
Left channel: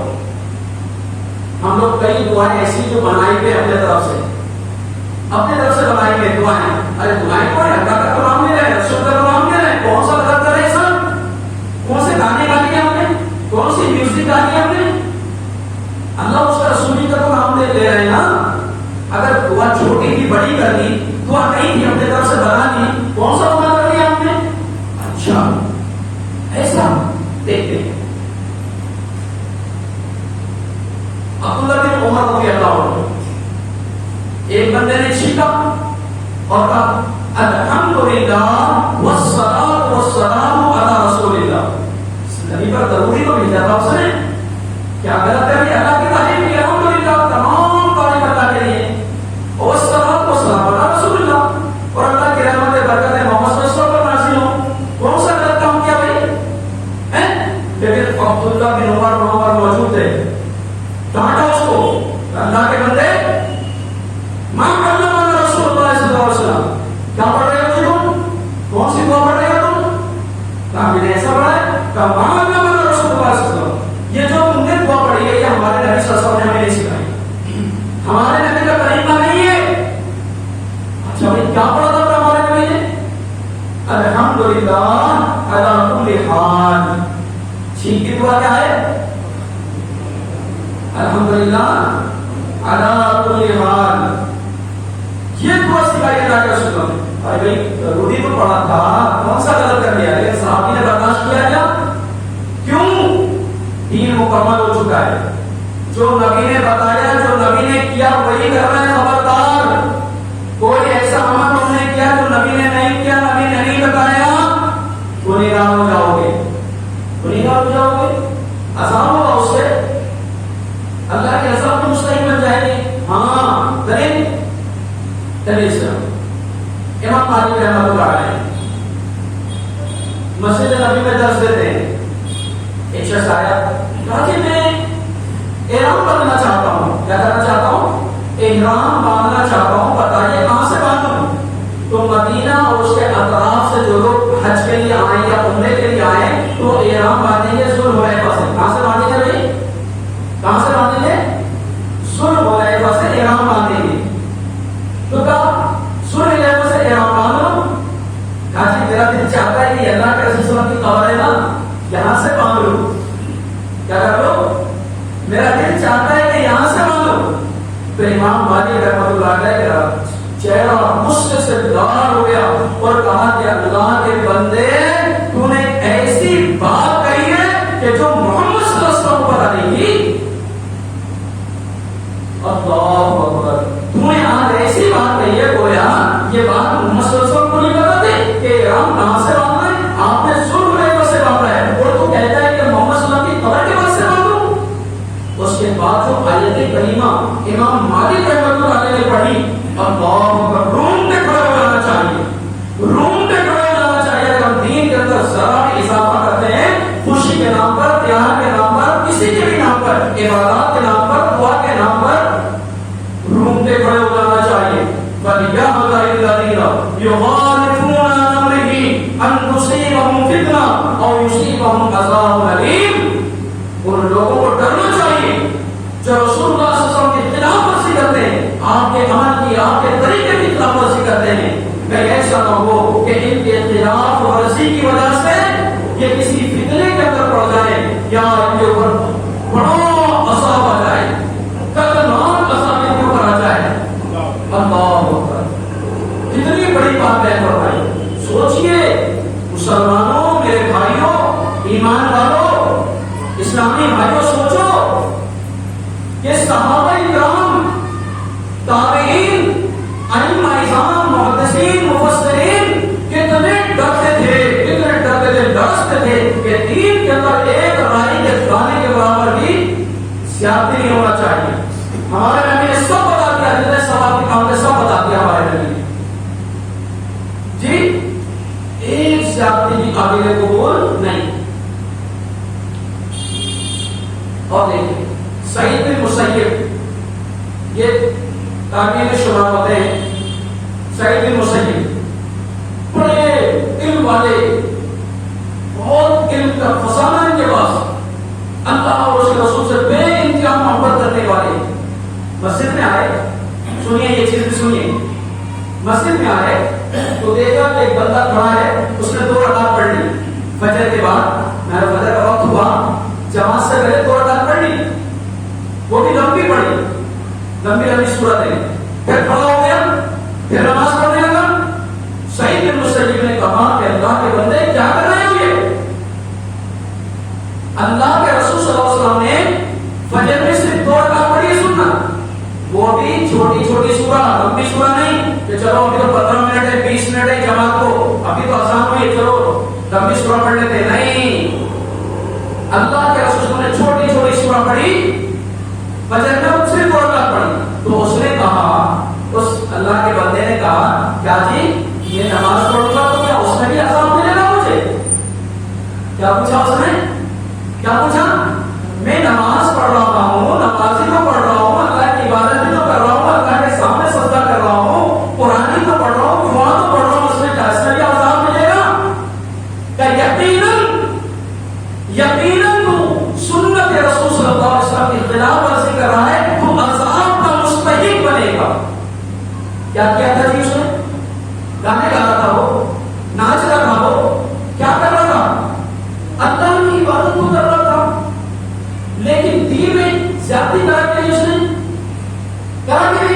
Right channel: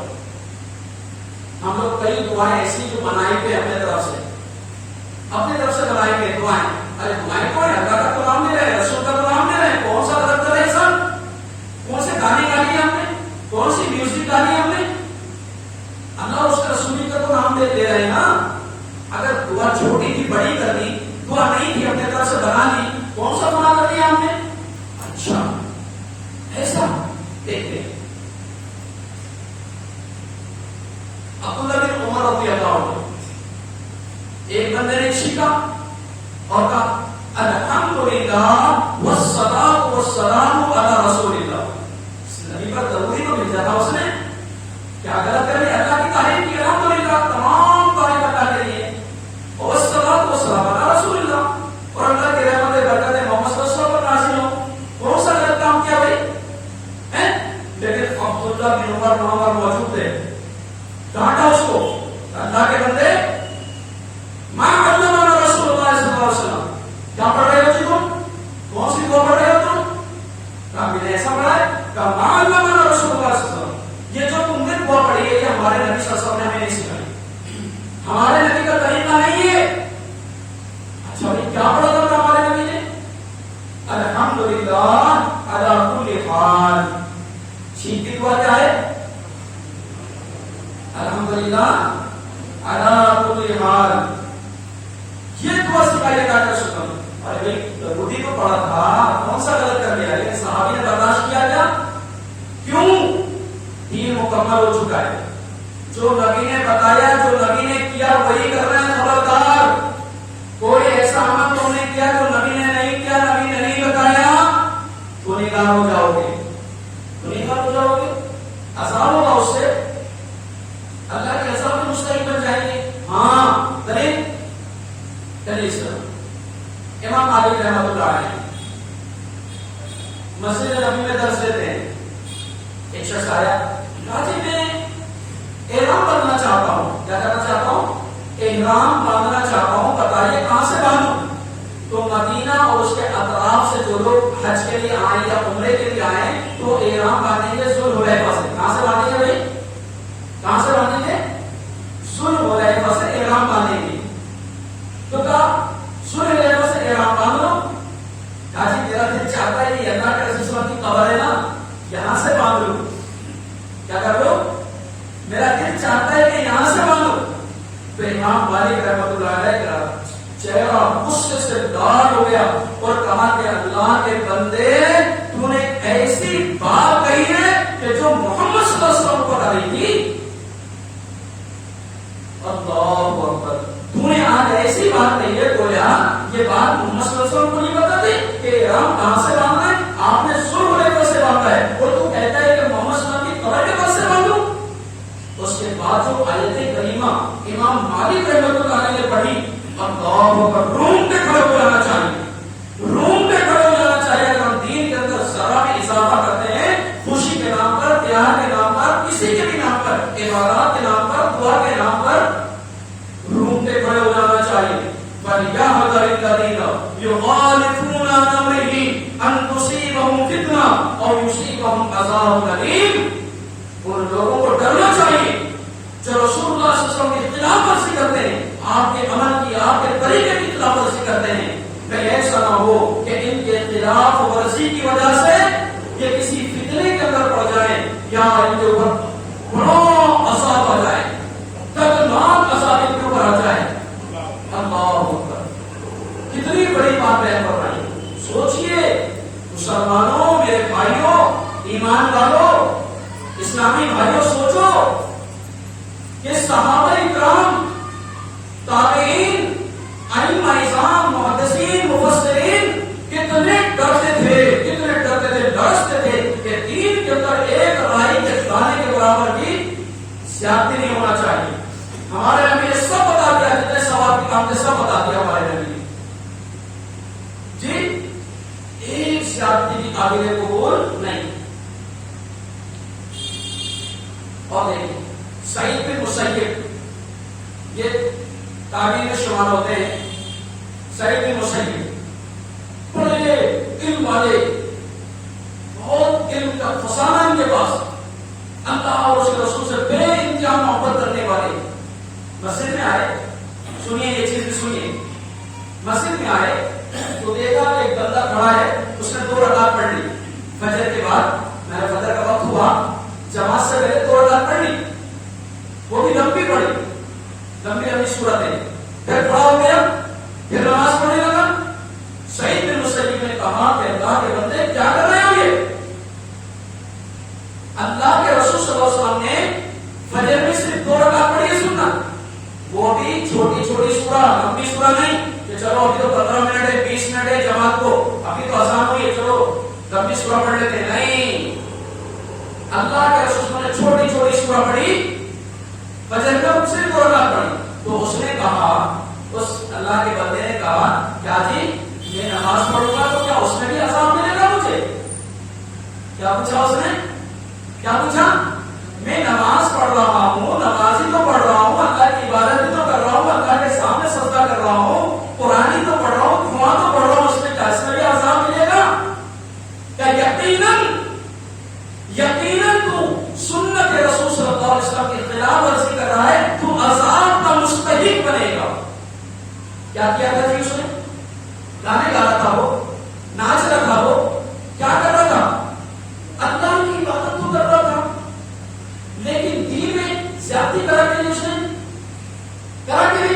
ہم لوگ کئی دعائیں ایسی جو بنائی پہ اپنے طرف سے بنائی پہ دعائیں, ارے دعائیں کون ہے, اللہ کا کلام لے رہے ہیں, رسول کا کلام لے رہے ہیں, کون سا غلط کر رہے ہیں سب, کون سے گانے گا لیے ہم نے, کون سی میوزک ڈالی ہم نے, تھی بڑی کر دی، دعا نہیں تھی اپنے طرف سے بنا دی، کون سا گناہ کر دیا ہم نے؟ اچھا ایسا دیکھتے ہیں عبداللہ بن عمر رضی اللہ عنہ، ایک بندے نے چھینکا اور کہا الحمدللہ والصلاۃ والسلام علی رسول اللہ، نبی پر ضروری تو بھیجا تھا اس نے، کیا غلط کر دیا؟ اللہ کی تعریف کی، الحمدللہ تمام تعریف اللہ کے لیے، اور والصلاۃ والسلام علی رسول اللہ، اور اللہ کی رحمت برکت محمد صلی اللہ علیہ وسلم پر نازل ہو، کون سا غلط کام کیا بھائی؟ لیکن عبداللہ بن عمر وہاں پر موجود تھے، ڈانٹا اس کو، اللہ کے بندے میں علمنا رسول اللہ صلی اللہ علیہ وسلم، کیا پڑھ رہے ہو تم؟ کون سی دعا پڑھ رہے ہو تم؟ کہا میں نے ایسا پڑھا ہے، کہا میں علمنا رسول اللہ صلی اللہ علیہ وسلم، یہ جو تم نے دعا پڑھی ہے یہ ہمارے نبی صلی اللہ علیہ وسلم نے ہمیں نہیں سکھائی، ہمارے نبی کا طریقہ نہیں ہے۔ اچھا بھائی کیا پڑھا تھا ہمارے نبی نے؟ الحمدللہ علی کل حال، چھینک کی دعا کیا ہے؟ الحمدللہ علی کل حال، یہ دعا سکھائی جا کر سنو۔ ارے بھائی ضروری تو پڑھا تھا، کون سا غلط کر لیا؟ لیکن صحابی نے برداشت کیا کیا؟ کیوں؟ دین مکمل ہو چکا ہے، جو نبی نے بتایا، جو نبی نے کیا وہی کرنا ہے، خبردار کوئی ایسا عمل تم نے کیا جو نبی نے نہیں کیا، نبی نے نہیں بتایا، تو نگاہ ہو جاؤ گے، تو نگاہ ہو جاؤ گے، آسان ہوگا اس سے، اللہ کے عذاب میں مستحق بن جائیں گے۔ ہاں دلیل دلیل امام مالک رحمۃ اللہ علیہ مسجد نبی میں درس دیتے ہیں، ایک شخص آیا، کہا جی میں احرام باندھنا چاہتا ہوں، کیا کرنا چاہتا ہوں؟ احرام باندھنا چاہتا ہوں، بتائیے کہاں سے باندھوں؟ تو مدینہ اور اس کے اطراف سے جو لوگ حج کے لیے آئے یا عمرے کے لیے آئے تو احرام باندھیں گے ذوالحلیفہ سے۔ کہاں سے باندھیں گے بھائی؟ کہاں سے باندھیں گے؟ ذوالحلیفہ سے احرام باندھیں گے۔ تو کہا ذوالحلیفہ سے احرام باندھو، کہا جی میرا دل چاہتا ہے کہ اللہ کے رسول صلی اللہ علیہ وسلم کی قبر ہے نا، یہاں سے باندھ لو، کیا کر لو؟ میرا دل چاہتا ہے کہ یہاں سے باندھو۔ تو امام مالک رحمۃ اللہ علیہ کا چہرہ غصے سے لال ہو گیا اور کہا کہ اللہ کے بندے تو نے ایسی بات کہی ہے کہ جو محمد صلی اللہ علیہ وسلم کو پتہ نہیں تھی۔ اللہ اکبر، تو نے آج ایسی بات کہی ہے گویا یہ بات محمد صلی اللہ علیہ وسلم کو نہیں پتہ تھی کہ احرام کہاں سے باندھنا ہے، آپ نے ذوالحلیفہ سے باندھا ہے، اور تو کہتا ہے کہ محمد صلی اللہ علیہ وسلم کی قبر کے پاس سے باندھو۔ اس کے بعد جو آیت کریمہ امام مالک رحمۃ اللہ علیہ نے پڑھی، اللہ اکبر، روم پہ کھڑے ہو جانا چاہیے، روم پہ کھڑے ہو جانا چاہیے۔ اگر ہم دین کے اندر ذرا بھی اضافہ کرتے ہیں، خوشی کے نام پر، تیار کے نام پر، کسی کے بھی نام پر، عبادات کے نام پر، دعا کے نام پر، روم پہ کھڑے ہو جانا چاہیے۔ فَلْيَحْذَرِ الَّذِينَ يُخَالِفُونَ عَنْ أَمْرِهِ أَن تُصِيبَهُمْ فِتْنَةٌ أَوْ يُصِيبَهُمْ عَذَابٌ أَلِيمٌ۔ ان لوگوں کو ڈرنا چاہیے جو رسول اللہ صلی اللہ علیہ وسلم کی خلاف ورزی کرتے ہیں، آپ کے عمل کی، آپ کے طریقے کی خلاف ورزی کرتے ہیں، کہیں ایسا نہ ہو کہ ان کے خلاف ورزی کی وجہ سے یہ کسی فتنے کے اندر پڑ جائیں یا ان کے اوپر بڑا عذاب آ جائے، خطرناک عذاب ان کے اوپر آ جائے۔ اللہ اکبر، کتنی بڑی بات ہے فرمائی۔ سوچئے مسلمانوں، میرے بھائیوں، ایمان والوں، اسلامی بھائیوں، سوچو کہ صحابہ کرام، تابعین، ائمہ اعظام، محدثین، مفسرین کتنے ڈرتے تھے، ڈرتے تھے کہ دین کے اندر ایک رائی کے دانے کے برابر بھی زیادتی نہیں ہونا چاہیے۔ ہمارے نبی نے سب بتا دیا، جتنے ثواب کے کام تھے سب بتا دیا ہمارے نبی جی، ایک زیادتی بھی قابل قبول نہیں۔ اور دیکھیں سعید بن مسیب، یہ تابعین میں شمار ہوتے ہیں۔ سعید بن مسیب بڑے علم والے، بہت علم کا خزانہ ان کے پاس، اللہ اور اس کے رسول سے بے انتہا محبت کرنے والے، مسجد میں آئے، سنیے یہ چیز بھی سنیے، مسجد میں آئے تو دیکھا کہ ایک بندہ کھڑا ہے، اس نے 2 رکعت پڑھ لی فجر کے بعد، میرا فجر کا وقت ہوا، جماعت سے پہلے 2 رکعت پڑھ لی، وہ بھی لمبی پڑھی، لمبی سورتیں، پھر کھڑا ہو گیا پھر نماز پڑھنے لگا. سعید بن مسیب نے کہا کہ اللہ کے بندے کیا کر رہے ہو یہ؟ اللہ کے رسول صلی اللہ علیہ وسلم نے فجر میں صرف 2 رکعت پڑھی ہے سنت، وہ بھی چھوٹی چھوٹی سورہ، لمبی سورہ نہیں کہ چلو ابھی تو 15 منٹ ہے 20 منٹ ہے جماعت کو، ابھی تو اذان ہوئی ہے چلو لمبی سورہ پڑھ لیتے. نہیں، اللہ کے رسول نے چھوٹی چھوٹی سورہ پڑھی، فجر میں صرف 2 رکعت پڑھی. تو اس نے کہا، اس اللہ کے بندے نے کہا کیا جی یہ نماز پڑھوں گا تو کیا اس میں بھی اذان ملے گا مجھے؟ کیا پوچھا اس نے؟ کیا پوچھا؟ میں نماز پڑھ رہا ہوں، نمازی تو پڑھ رہا ہوں، اللہ کی عبادت بھی تو کر رہا ہوں، اللہ کے سامنے سجدہ کر رہا ہوں، قرآن تو پڑھ رہا ہوں، دعا تو پڑھ رہا ہوں، اس میں کیا اس میں بھی عذاب ملے گا؟ کہ یقیناً تو سنت رسول صلی اللہ علیہ وسلم کی خلاف ورزی کر رہا ہے، تو عذاب کا مستحق بنے گا. کیا کیا تھا جی اس نے؟ گانے گا رہا تھا، وہ ناچ رہا تھا، وہ کیا کر رہا تھا؟ اللہ کی عبادت تو کر رہا تھا، لیکن دین میں زیادتی کرا کے اس نے کرا کے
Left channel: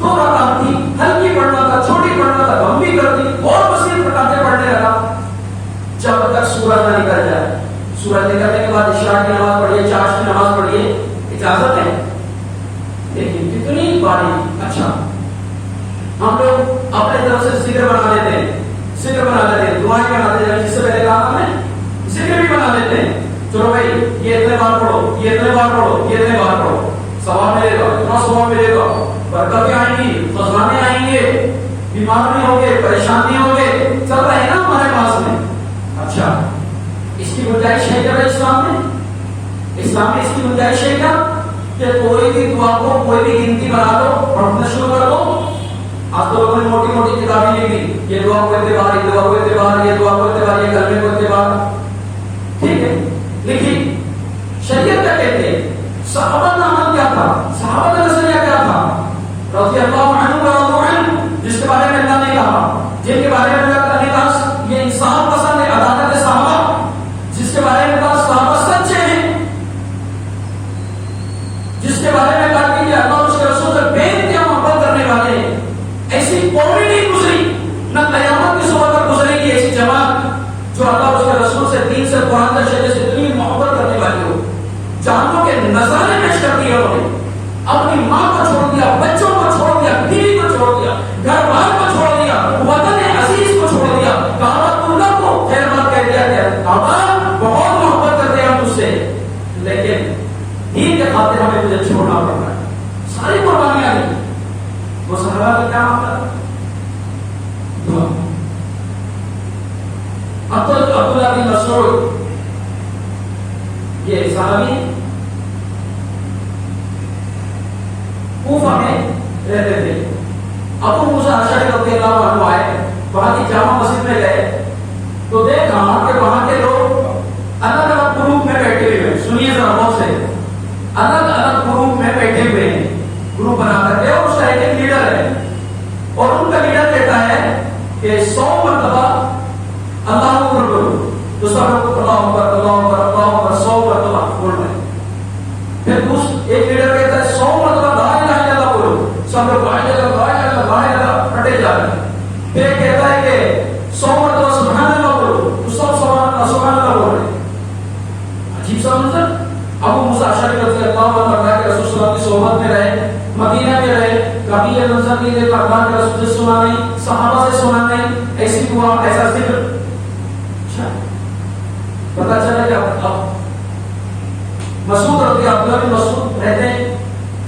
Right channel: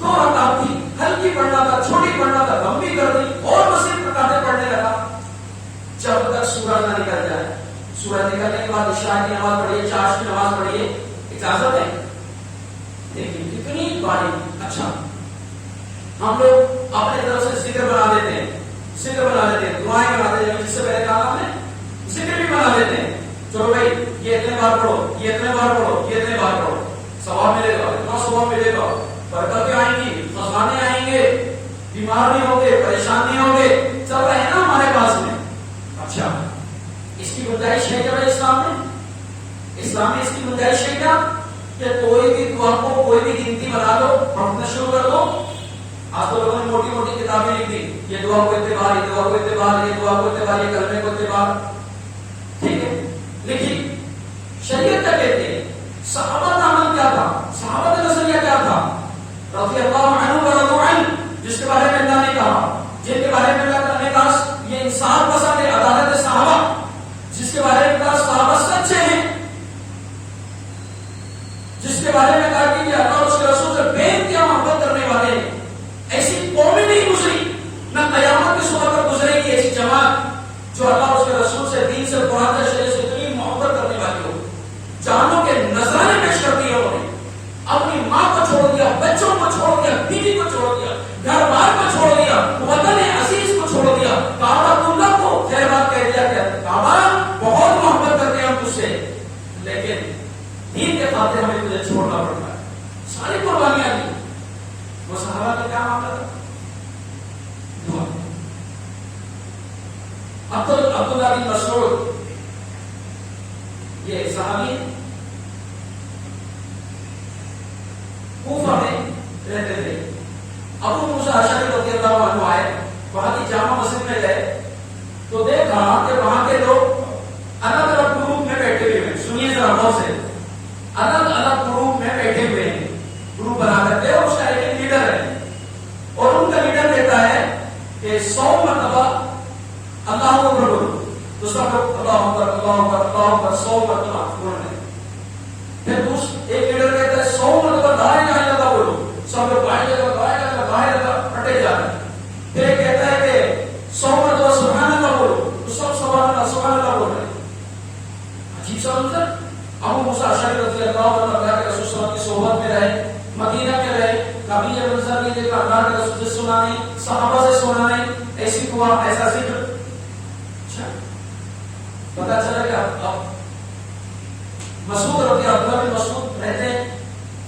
2 رکعت تھی، ہلکی پڑھنا تھا، چھوٹی پڑھنا تھا، لمبی کر دی اور مزید رکعتیں پڑھنے لگا. جب تک سورج نہ نکل جائے، سورج نکلنے کے بعد عشاء کی نماز پڑھیے، چاشت کی نماز پڑھیے، اجازت ہے، لیکن کتنی باری. اچھا ہم لوگ اپنے طرف سے ذکر بنا لیتے ہیں، ذکر بنا لیتے ہیں، دعائیں بنا لیتے ہیں، جس سے پہلے کہا ہم نے ذکر بھی بنا لیتے ہیں. چلو بھائی یہ اتنے بار پڑھو، یہ اتنے بار پڑھو، یہ اتنے بار پڑھو، ثواب ملے گا، اتنا ثواب ملے گا، برکتیں آئیں گی، خزانے آئیں گے، بیمار نہیں ہوں گے، پریشان نہیں ہوں گے، چل رہے ہیں نا ہمارے پاس میں. اچھا اس کی گنجائش ہے کیا اسلام میں؟ اسلام میں اس کی گنجائش ہے کیا کہ کوئی بھی دعا کو کوئی بھی گنتی بنا دو، پڑھنا شروع کر دو. آج تو لوگوں نے موٹی موٹی کتابیں لکھ دی، یہ دعا کو اعتبار، یہ دعا کو اعتبار، یہ دعا کو اعتبار، یہ کلمے کو اعتبار. ٹھیک ہے لکھی، شریعت کیا کہتے ہیں؟ صحابہ کا عمل کیا تھا؟ صحابہ کا نظریہ کیا تھا؟ رضی اللہ عنہ ورضوا عنہ، جس کے بارے میں اللہ نے کہا، جن کے بارے میں اللہ نے کہا یہ انسان پسند ہے، عدالت صحابہ، جس کے بارے میں کہا صحابہ سچے ہیں، جس کے بارے میں کہا کہ یہ اللہ اور اس کے رسول سے بے انتہا محبت کرنے والے ہیں. ایسی قومی نہیں گزری، نہ قیامت کی صبح تک گزرے گی ایسی جماعت جو اللہ اور اس کے رسول سے، دین سے، قرآن سے، شریعت سے اتنی محبت کرنے والی ہو. جانوں کے نذرانے پیش کر دیے انہوں نے، اپنی ماں کو چھوڑ دیا، بچوں کو چھوڑ دیا، بیوی کو چھوڑ دیا، گھر بار کو چھوڑ دیا، وطن عزیز کو چھوڑ دیا، کعبۃ اللہ کو خیر بات کہہ دیا کہ کعبہ بہت محبت کرتے ہیں ہم تجھ سے، لیکن دین کے خاطر ہمیں تجھے چھوڑنا پڑتا ہے. ساری قربانیاں دی. وہ صحابہ کا کیا معاملہ؟ دعا. عبداللہ بن مسعود یہ صحابی کوفہ میں رہتے تھے. ابو موسیٰ اشعری رضی اللہ عنہ آئے، وہاں کی جامع مسجد میں گئے تو دیکھا کہ وہاں کے لوگ الگ الگ گروپ میں بیٹھے ہوئے ہیں. سنیے ذرا غور سے، الگ الگ گروپ میں بیٹھے ہوئے ہیں، گروپ بنا کر کے، اور اس کا ایک لیڈر ہے، اور ان کا لیڈر کہتا ہے کہ 100 مرتبہ اللہ اکبر کرو، تو سب لوگ اللہ اکبر اللہ اکبر اللہ اکبر 100 مرتبہ بول رہے ہیں. پھر ایک لیڈر کہتا ہے 100 مرتبہ لا الہ الا اللہ بولو، سب لوگ لا الہ الا اللہ لا الہ الا اللہ ہٹے جا رہے ہیں. پھر ایک کہتا ہے کہ 100 مرتبہ سبحان اللہ بولو، تو سب سبحان اللہ بول رہے ہیں. عجیب سا منظر. ابو موسیٰ اشعری رضی اللہ عنہ اللہ کے رسول صلی اللہ علیہ وسلم کی صحبت میں رہے، مدینہ میں رہے، کبھی یہ منظر نہیں دیکھا، اللہ کے رسول سے سنا نہیں، صحابہ سے سنا نہیں، ایسی دعا ایسا ذکر. اچھا پتا چلا کہ اب مسعود رضی اللہ عنہ مسعود رہتے ہیں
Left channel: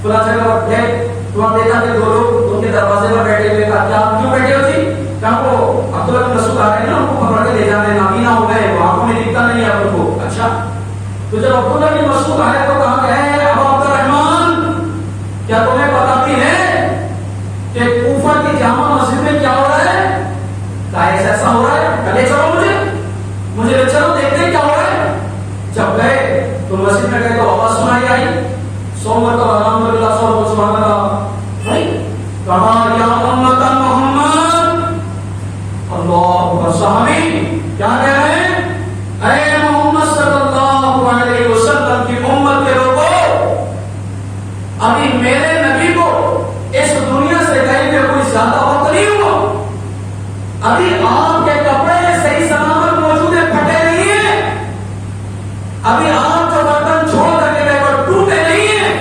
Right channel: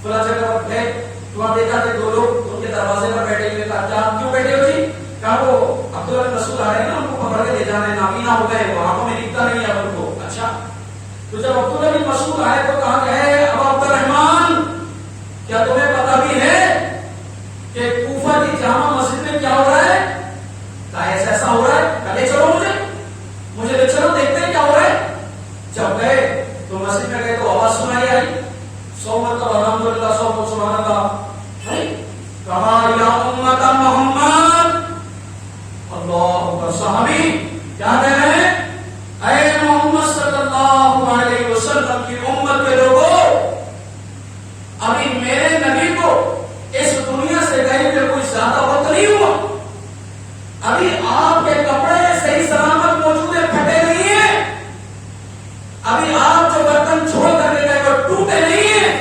فلاں جگہ پر گئے، تو وہاں دیکھا کہ 2 لوگ ان کے دروازے پر بیٹھے ہوئے. کہا کیا کیوں بیٹھے ہو جی؟ کہا وہ عبداللہ بن مسعود آ رہے ہیں نا، ان کو پکڑ کے لے جانے، نابینا ہو گئے، وہ آنکھوں میں دکھتا نہیں ہے ان کو. اچھا تو جب عبداللہ بن مسعود آئے تو کہا کہ ابا عبد الرحمن کیا تمہیں پتا بھی ہے کہ کوفہ کی جامع مسجد میں کیا ہو رہا ہے؟ کہا ایسا ہو رہا ہے، لے چلو مجھے لے چلو، دیکھتے ہیں کیا ہو رہا ہے. جب گئے تو مسجد میں گئے تو آواز سنائی آئی 100 مرتبہ الحمدللہ 100 سبحان اللہ. کہا یا امت محمد اللہ اکبر. صحابی کیا کہہ رہے ہیں؟ اے محمد صلی اللہ علیہ وسلم کی امت کے لوگوں، ابھی میرے نبی کو اس دنیا سے گئے ہوئے کوئی زیادہ وقت نہیں ابھی آپ کے کپڑے صحیح سلامت موجود ہیں، پھٹے نہیں ہیں، ابھی آپ جو برتن چھوڑ کر کے گئے وہ ٹوٹے نہیں ہیں،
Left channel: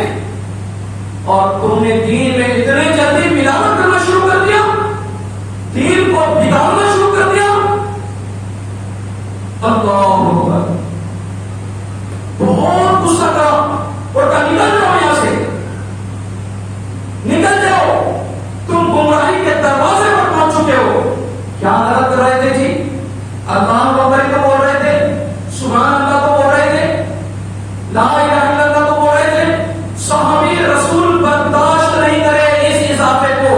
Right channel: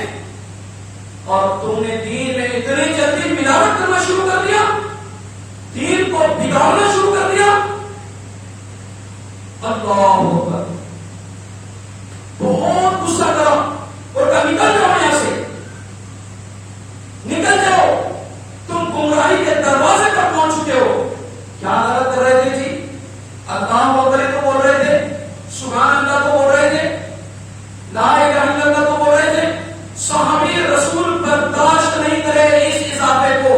اور تم نے دین میں اتنی جلدی ملاوٹ کرنا شروع کر دیا، دین کو بگاڑنا شروع کر دیا. اللہ اکبر. بہت غصہ کرو اور کہا نکل جاؤ یہاں سے، نکل جاؤ، تم گمراہی کے دروازے پر پہنچ چکے ہو. کیا غلط کر رہے تھے جی؟ اللہ اکبر تو بول رہے تھے، سبحان اللہ تو بول رہے تھے، لا الہ الا اللہ تو بول رہے تھے. صحابی رسول برداشت نہیں کرے اس اضافے کو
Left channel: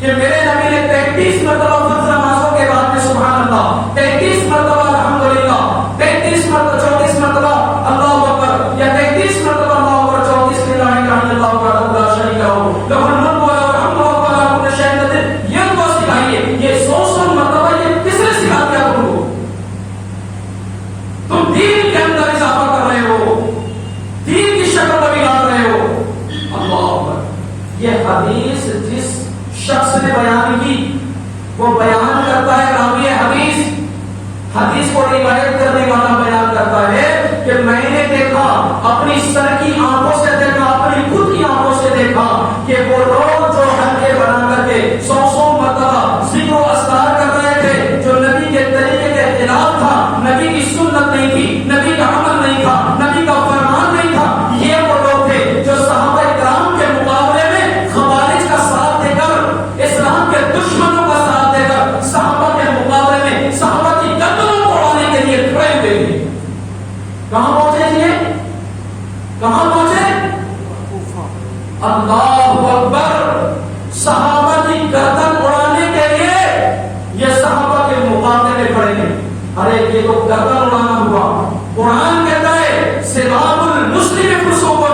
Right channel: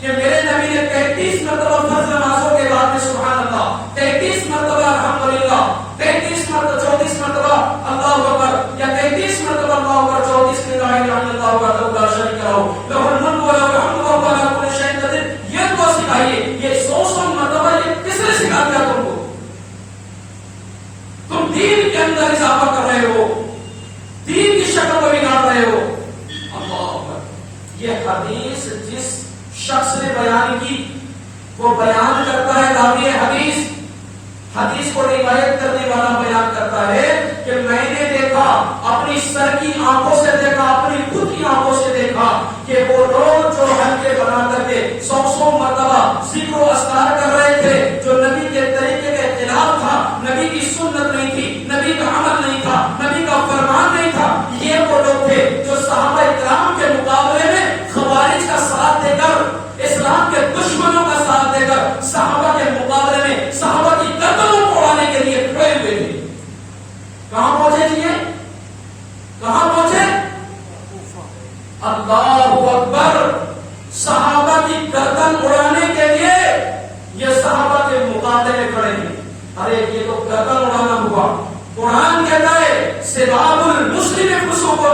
کہ میرے نبی نے 33 مرتبہ فرض نمازوں کے بعد میں سبحان اللہ، 33 مرتبہ الحمدللہ، 33 مرتبہ 34 مرتبہ اللہ اکبر، یا 33 مرتبہ اللہ اکبر، 34 لا الہ الا اللہ وحدہ لا شریک لہ لہ الملک و لہ الحمد وهو علی کل شیء قدیر. یہ تو سکھائیے، یہ 100 مرتبہ یہ کس نے سکھا دیا تم کو؟ تم دین کے اندر اضافہ کر رہے ہو، دین کی شکل کو بگاڑ رہے ہو. اللہ اکبر. یہ حدیث جس شخص نے بیان کی وہ بیان کرتا ہے راوی حدیث، حدیث کو روایت کرنے والا بیان کرتا ہے کہ میں نے دیکھا، اپنی سر کی آنکھوں سے دیکھا، اپنی خود کی آنکھوں سے دیکھا کہ وہ لوگ جو حلقے بنا کر کے 100 مرتبہ ذکر و اذکار کر رہے تھے، جو نبی کے طریقے کے خلاف تھا، نبی کی سنت نہیں تھی، نبی کا عمل نہیں تھا، نبی کا فرمان نہیں تھا، یہ وہ لوگ تھے جو صحابہ کرام کے مقابلے میں خوارج کا ساتھ دے کر، اسلام کے دشمنوں کا ساتھ دے کر صحابہ کے مقابلے میں صحابہ کی گردنوں کو اڑانے کے لیے کھڑے ہوئے تھے. کہاں پہنچے یہ؟ کہاں پہنچے؟ اللہ اکبر. صحابہ کی گردن اڑانے کے لیے یہ صحابہ کے مقابلے میں کھڑے تھے. ارے یہ تو گردن اڑانا ہوا. قرآن کہتا ہے سباب المسلم فسوق،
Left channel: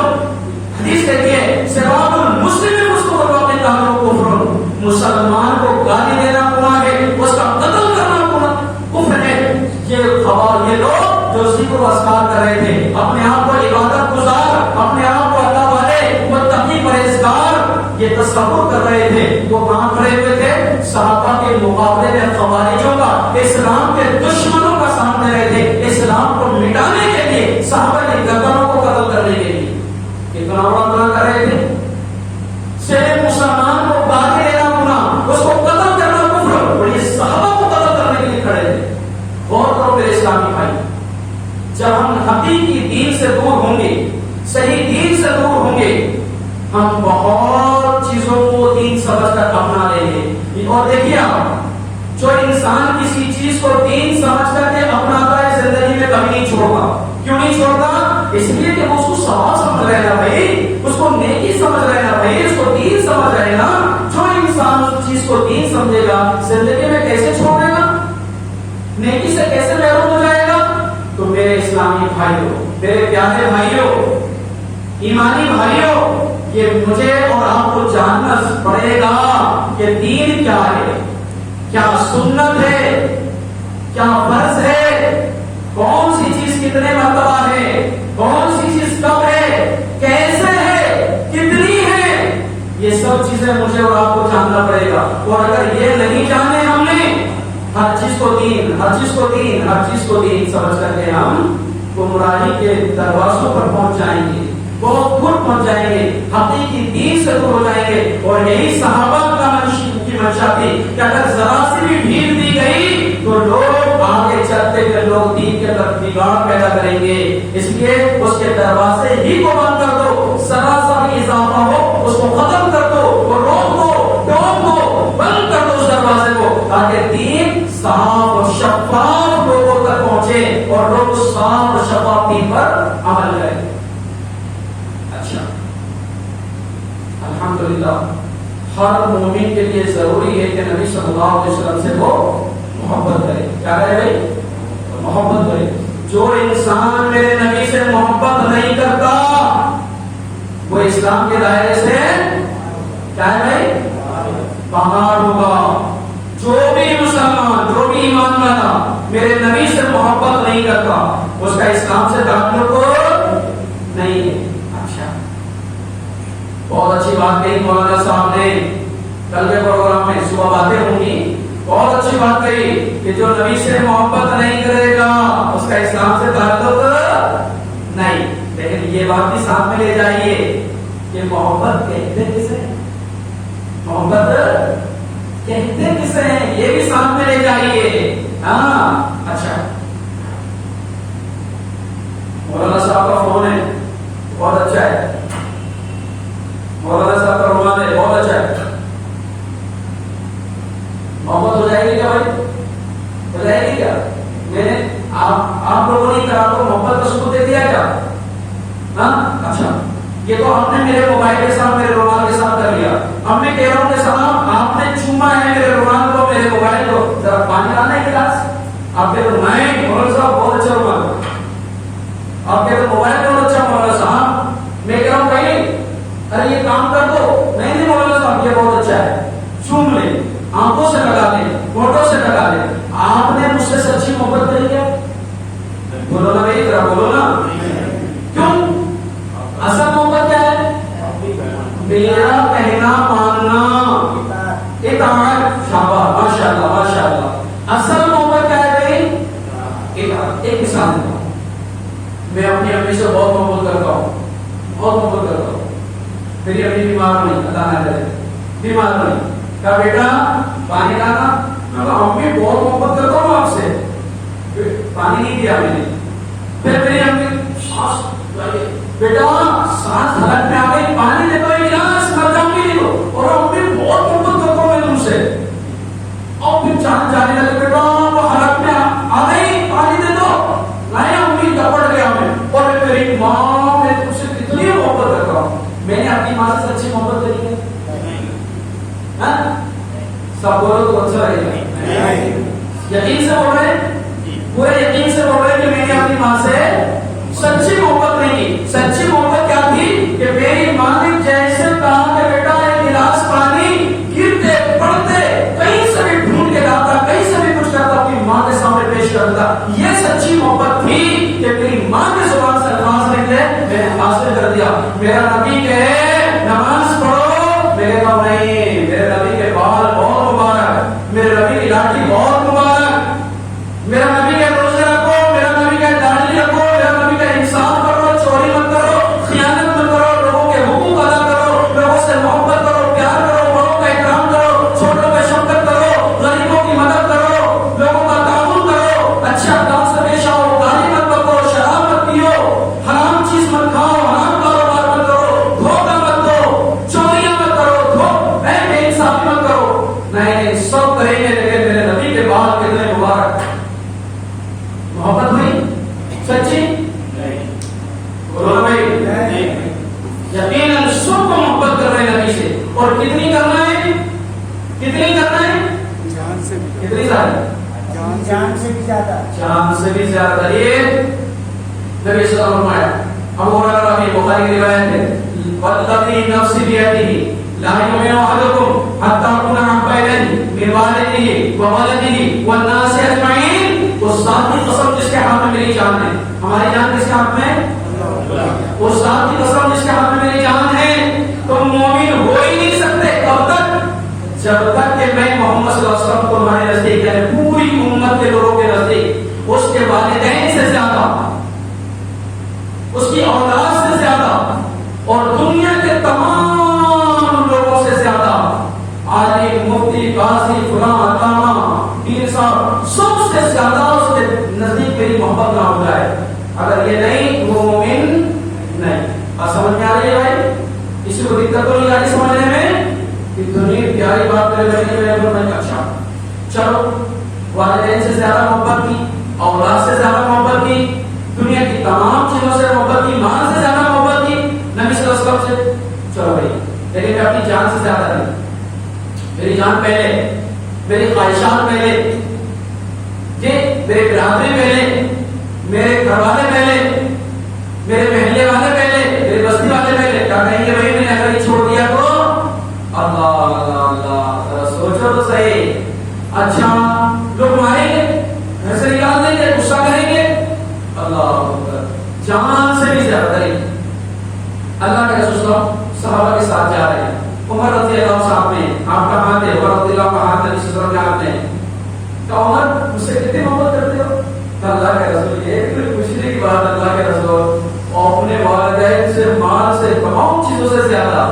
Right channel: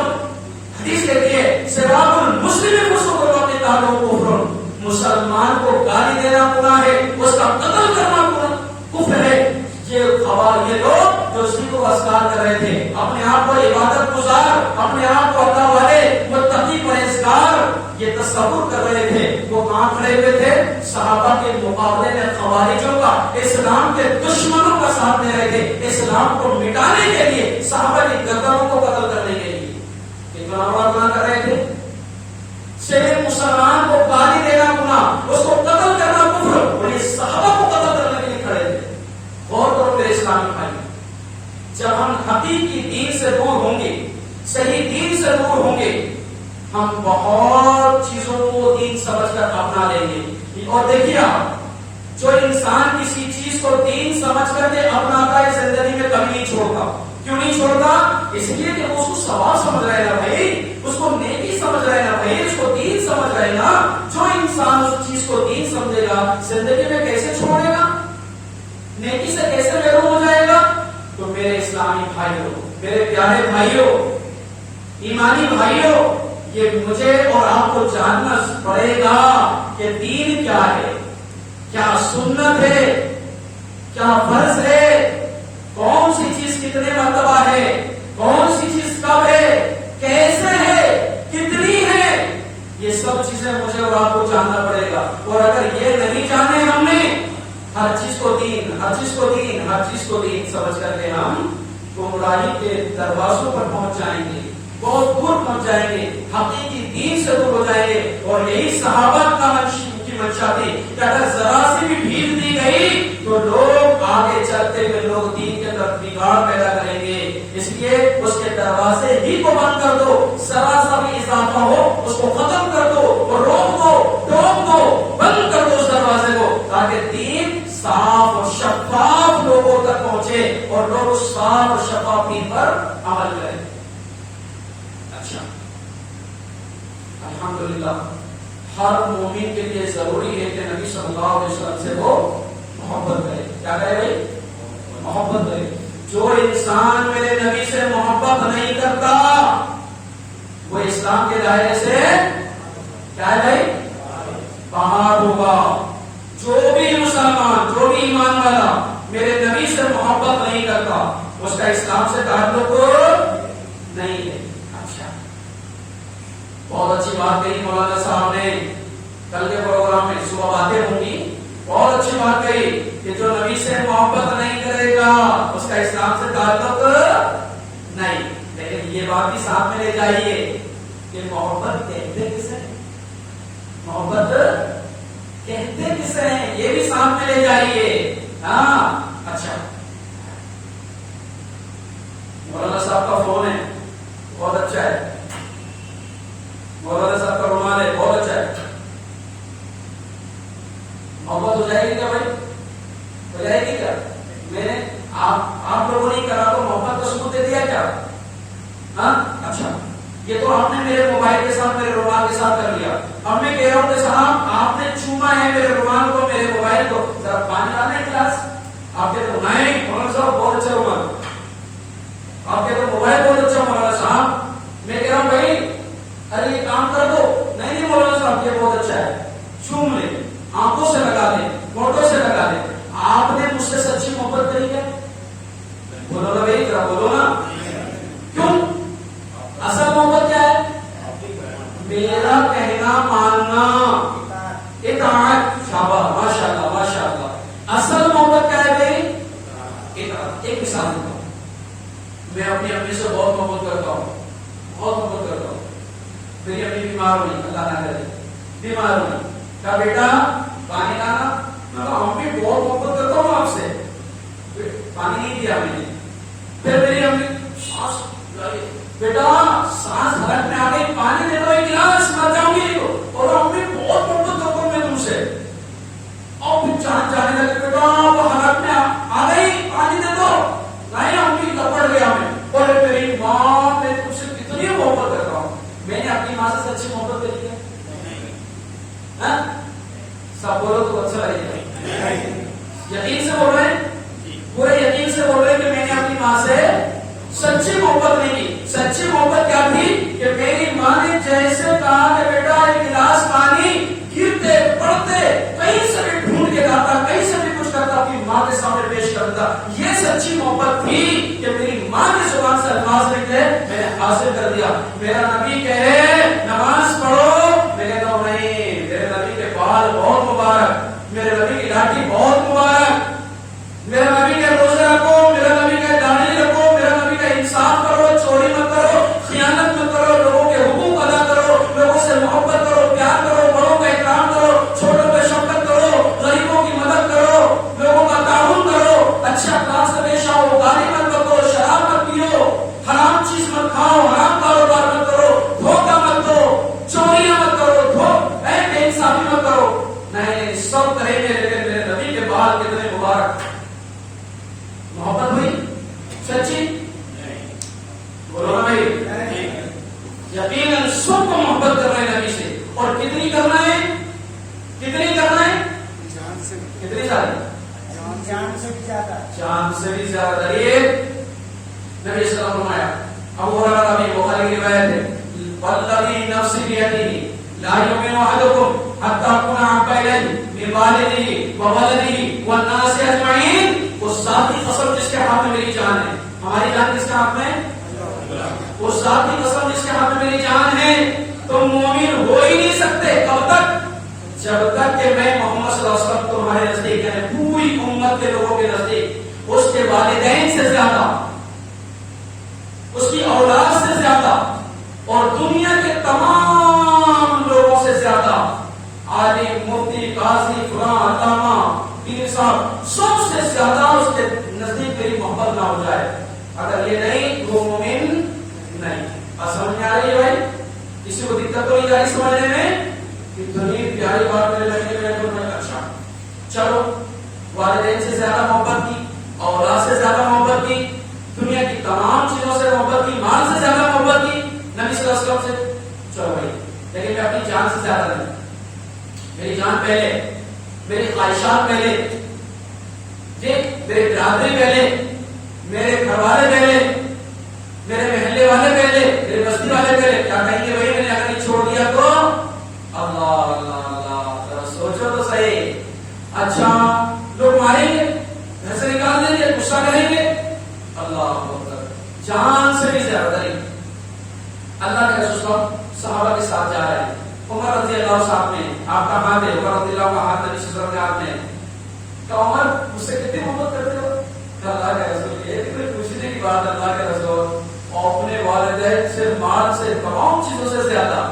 حدیث کہتی ہے سباب المسلم فسوق وقتال کفر. مسلمان کو گالی دینا گناہ ہے، اس کا قتل کرنا کفر ہے. یہ لوگ جو ذکر و اذکار کر رہے تھے، اپنے آپ کو عبادت گزار، اپنے آپ کو اللہ والے متقی پرہیزگار یہ تصور کر رہے تھے، وہ کہاں کھڑے ہوئے تھے؟ صحابہ کے مقابلے میں خوارجوں کا، اسلام کے دشمنوں کا ساتھ دے رہے تھے، اسلام کو مٹانے کے لیے، صحابہ کی گردنوں کو قتل کرنے کے لیے. کتنا بڑا گناہ کر رہے تھے. صرف مسلمان کو گالی دینا گناہ، اس کو قتل کرنا کفر، اور یہ صحابہ کو قتل کرنے کے لیے کھڑے تھے. غور کرو میرے اسلامی بھائی، جب ہم حقیقی دین سے دور ہوں گے، صحیح دین سے دور ہوں گے، ہم بہت چیزوں کو دین سمجھ کر اپنا لیں گے. اور دیکھیے آپ، جو انسان کسی چیز کو دین سمجھ کر کے اپناتا ہے زندگی میں کبھی نہیں چھوڑتا. کیوں نہیں چھوڑتا؟ اس لیے کہ وہ اس کو ثواب سمجھ رہے نا بھائی، اس کو نیکی سمجھ رہے نا بھائی، اس کو دین سمجھ رہے نا. جو انسان اس چیز کو دین سمجھے گا زندگی میں کیسے چھوڑ دے گا، نیکی سے کیسے محروم ہو جائے گا؟ تو میرے اسلامی بھائیوں، میرے پیارے بھائیوں، ایمانی بھائیوں، یہ مجھے اور آپ کو جاننا پڑے گا کہ دین کیا ہے، کیا سنت ہے، کیا فرض ہے، کون سی چیز کتنے مرتبہ ہے، کون سی چیز کب ہے، کیسے ہے، کتنی ہے. یہ سب چیزیں مجھے اور آپ کو جاننا پڑے گا. اور اگر یہ نہیں جانے ہم نے، ہر چیز کو دین، ہر چیز کو دین، ہر چیز کو دین سمجھ کر کے ہم گمراہی کے دروازوں پر پہنچ جائیں گے، بہت دور پہنچ جائیں گے، حقیقی دین سے دور ہو جائیں گے. اور یہی صحابہ کا کی منشا تھی کہ اگر ذرا سی بھی ڈھیل دی گئی تو لوگ آگے چلتے ہوئے لوگ دین کے اندر بگاڑ پیدا کریں گے. اس لیے اس کے دروازے ہی کو بند کر دو، ذرا سا بھی اضافہ ہو اس کو ختم کر دو، اور روک دو، ٹوک دو، بند کر دو اس دروازے کو، تاکہ دین صاف اور شفاف لوگوں تک پہنچے اور لوگ اس صاف اور شفاف دین پر عمل کریں. اچھا، الحمدللہ ہر مومن کے لیے ضروری ہے کہ نبی صلی اللہ علیہ وسلم سے وہ محبت کرے. کیا کرے بھائی؟ محبت کرے. جو انسان میرے نبی سے محبت نہیں کرتا وہ اسلام کے دائرے سے کیا ہے بھائی؟ باہر ہوگا. جو بھی مسلمان، جو بھی ایمان والا میرے نبی سے محبت نہیں کرتا اس کا اسلام سے تعلق نہیں ہے. اچھا، بہت اچھی بات کہی مولانا صاحب نے. کل کے پروگرام میں صبح باتیں ہوں گی بہت اچھی بات کہی کہ جو نبی سے محبت نہیں کرے گا اس کا اسلام سے تعلق نہیں. لیکن یہ بات بھی ساتھ میں لے جائیے کہ محبت کہتے کسے, محبت کہتے کسے ہیں, یہ بھی ساتھ میں لے جائیے. ہاں اچھا, مولانا صاحب کا فون ہے, بہت اچھا ہے. مولانا صاحب کا رومان ہے, بہت اچھا ہے. محبت ہو جائے گی کیا بھائی, ہو جائے گی کیا؟ میں نے آپ لوگوں نے کرا تو محبت کا ثبوت دے دیا کیا؟ ہاں اچھا, یہ تو آپ نے میرے موبائل کے ساتھ میرے رومان کے ساتھ کر لیا. اب میں کہہ رہا ہوں کہ صاحب آپ نے چوما ہے میرے رومان کو, میرے موبائل کو, ذرا پانی لانا ہے گلاس. آپ کہتے ہو نہیں مولانا صاحب بہت اچھا رومان, آپ کہتے ہو موبائل بہت اچھا مولانا صاحب. میں کہہ رہا ہوں بھائی ارے یہ کام کر دو. نہیں مولانا صاحب یہ بہت اچھا ہے, چوم لیں, آنکھوں سے لگا دیں, فوٹو سے لگا دیں. آپ نے مجھ سے سچی محبت کری ہے؟ بولو نا بھائی, ذرا بولو نا. کیوں؟ اصل محبت کیا ہے؟ میرا کہنا ماننا, اطاعت. شاباش, ماشاء اللہ ماشاء اللہ. اصل محبت کیا ہے بھائی؟ اطاعت. ایک مثال دیتا ہوں, میں اپنی امی سے بہت محبت کرتا ہوں, بہت محبت کرتا ہوں. میری امی بیمار ہوئی, اللہ نہ کرے, بیمار ہوئی, کہا بیٹا پانی لانا. امی بہت محبت کرتا ہوں آپ سے, پانی نہیں دیا میں نے. پھر میری امی سانس, بیٹا سانس حلق میں آ گئی, پانی دے دو ایک گلاس, مر جاؤں گی نہیں تو. اور امی بہت محبت کرتا ہوں میں تم سے. اور پھر جان جانے لگے, بیٹا وہ حلق میں آ گئی, پانی دے دو. نہیں امی لپڑ گیا میں, اور میری ماں میں تم سے کتنی محبت کرتا ہوں. میں نے اپنی ماں سے سچی محبت کری ہے؟ سب بولو تو اچھا رہے گا. یقین سے بول رہے ہیں, پورے یقین سے بول رہے ہیں کہ میں نے اپنی ماں سے سچی محبت نہیں کی. سچی محبت کیا تھی کہ میری ماں نے جیسے کہا کہ بیٹا ایک گلاس پانی, گرتے پڑتے کہیں سے بھی ڈھونڈ کے لاتا, کہیں سے بھی کچھ کرتا, اپنی ماں کے سامنے پیش کرتا. یہ سچی محبت تھی کہ میری ماں کی زبان سے الفاظ نکلے, میں نے حاصل کر دیا. میرا نبی کہے نماز پڑھو, میں کہتا ہوں نہیں, میرے نبی کے بال بہت مبارک, میرے نبی کی لاٹھی بہت مبارک, میرا نبی کے روزے رکھو, میرا نبی کا داڑھی رکھو, میرا نبی کا انصاف کرو, چوری مت کرو, خیانت مت کرو, لوگوں کے حقوق ادا کرو, لوگوں سے محبت کرو, پیار کرو, بڑوں کا احترام کرو, چھوٹوں پہ شفقت کرو, غریبوں کی مدد کرو, لوگوں کا تعاون کرو, اچھے اخلاق سے پیش آؤ, گالی مت بکو, شراب مت پیو, حرام چیز مت کھاؤ, حرام کاروبار مت کرو, دھوکہ مت دو, چوریاں مت کرو, بے انصافی مت کرو. نہیں سب کریں گے, لیکن میرے نبی کے بال کتنے مبارک. محبت ہوئی سچی؟ بولو نا بھائی. یقیناً سب کو محبت کر رہے ہیں نبی سے, اور کتنی کرنا ہے, کتنی کرنا ہے, جان سے, کتنی زیادہ, جان سے بھی زیادہ, جان سے بھی زیادہ. یہ نبی صلی اللہ علیہ وسلم, ابو ہریرہ رضی بخاری کی روایت ہے, والذی نفسی بیدہ لا یؤمن احدکم حتی اکون احب الیہ من والدہ وولدہ والناس اجمعین. اس ذات کی قسم جس کے ہاتھ میں میری جان ہے. ہماری جان کس کے ہاتھ میں؟ اس ذات کی قسم جس کے ہاتھ میں میری جان ہے. تم مومن ہو ہی نہیں سکتے کب تک, جب تک کہ میں محمد صلی اللہ علیہ وسلم کو تمہارے نزدیک, یعنی پوری امت کے لوگوں کے نزدیک اس کے والدین سے زیادہ, اس کی اولاد سے زیادہ, اور دنیا کے تمام لوگوں سے زیادہ, عالم, مفتی, قاضی, فلاں, علامہ, پیر صاحب, سب سے زیادہ اس کے نزدیک میری محبت نہ ہو جائے, اگر یہ نہیں وہ مومن نہیں. بات سمجھ میں آ رہی ہے بھائی؟ کسی کو دقت تو نہیں آ رہی سمجھنے میں کہ دنیا پیاری بات کرے میں. اچھا چلو, والدین سے زیادہ محبت کی, اولاد سے زیادہ محبت کی, دنیا کی تمام چیزوں سے محبت کی, مال سے زیادہ محبت کی, نبی صلی اللہ علیہ وسلم سے. چلو بھائی, لیکن میں اپنی جان سے زیادہ نہیں. میری جان پہلے, میری خواہشات پہلے, یہ میرے برادری پہلے, میرے گھر والے پہلے, میرے محلے والے پہلے, میرے بستی والے پہلے. کیا کہیں گے بھائی میں نے اگر چھوڑ دیا تو اللہ اللہ اللہ, سوچو تو صحیح. اچھا لوگ ماریں گے, گھر سے نکال دیں گے, غصہ کریں گے, اللہ جان سے بھی زیادہ کریں گے. اللہ کے رسول صحابہ کے ساتھ جا رہے ہیں, عمر رضی اللہ صاحب نے, آپ کا ہاتھ ہے, عمر رضی اللہ کا ہاتھ ہے, جس طرح کے ہاتھ میں کہ عمر مجھ سے کتنی محبت کرتے ہو؟ کہ اللہ کے رسول یہ کوئی پوچھنے کی بات اللہ کے رسول اور اپنے والدین سے مال سے تمام چیزوں سے زیادہ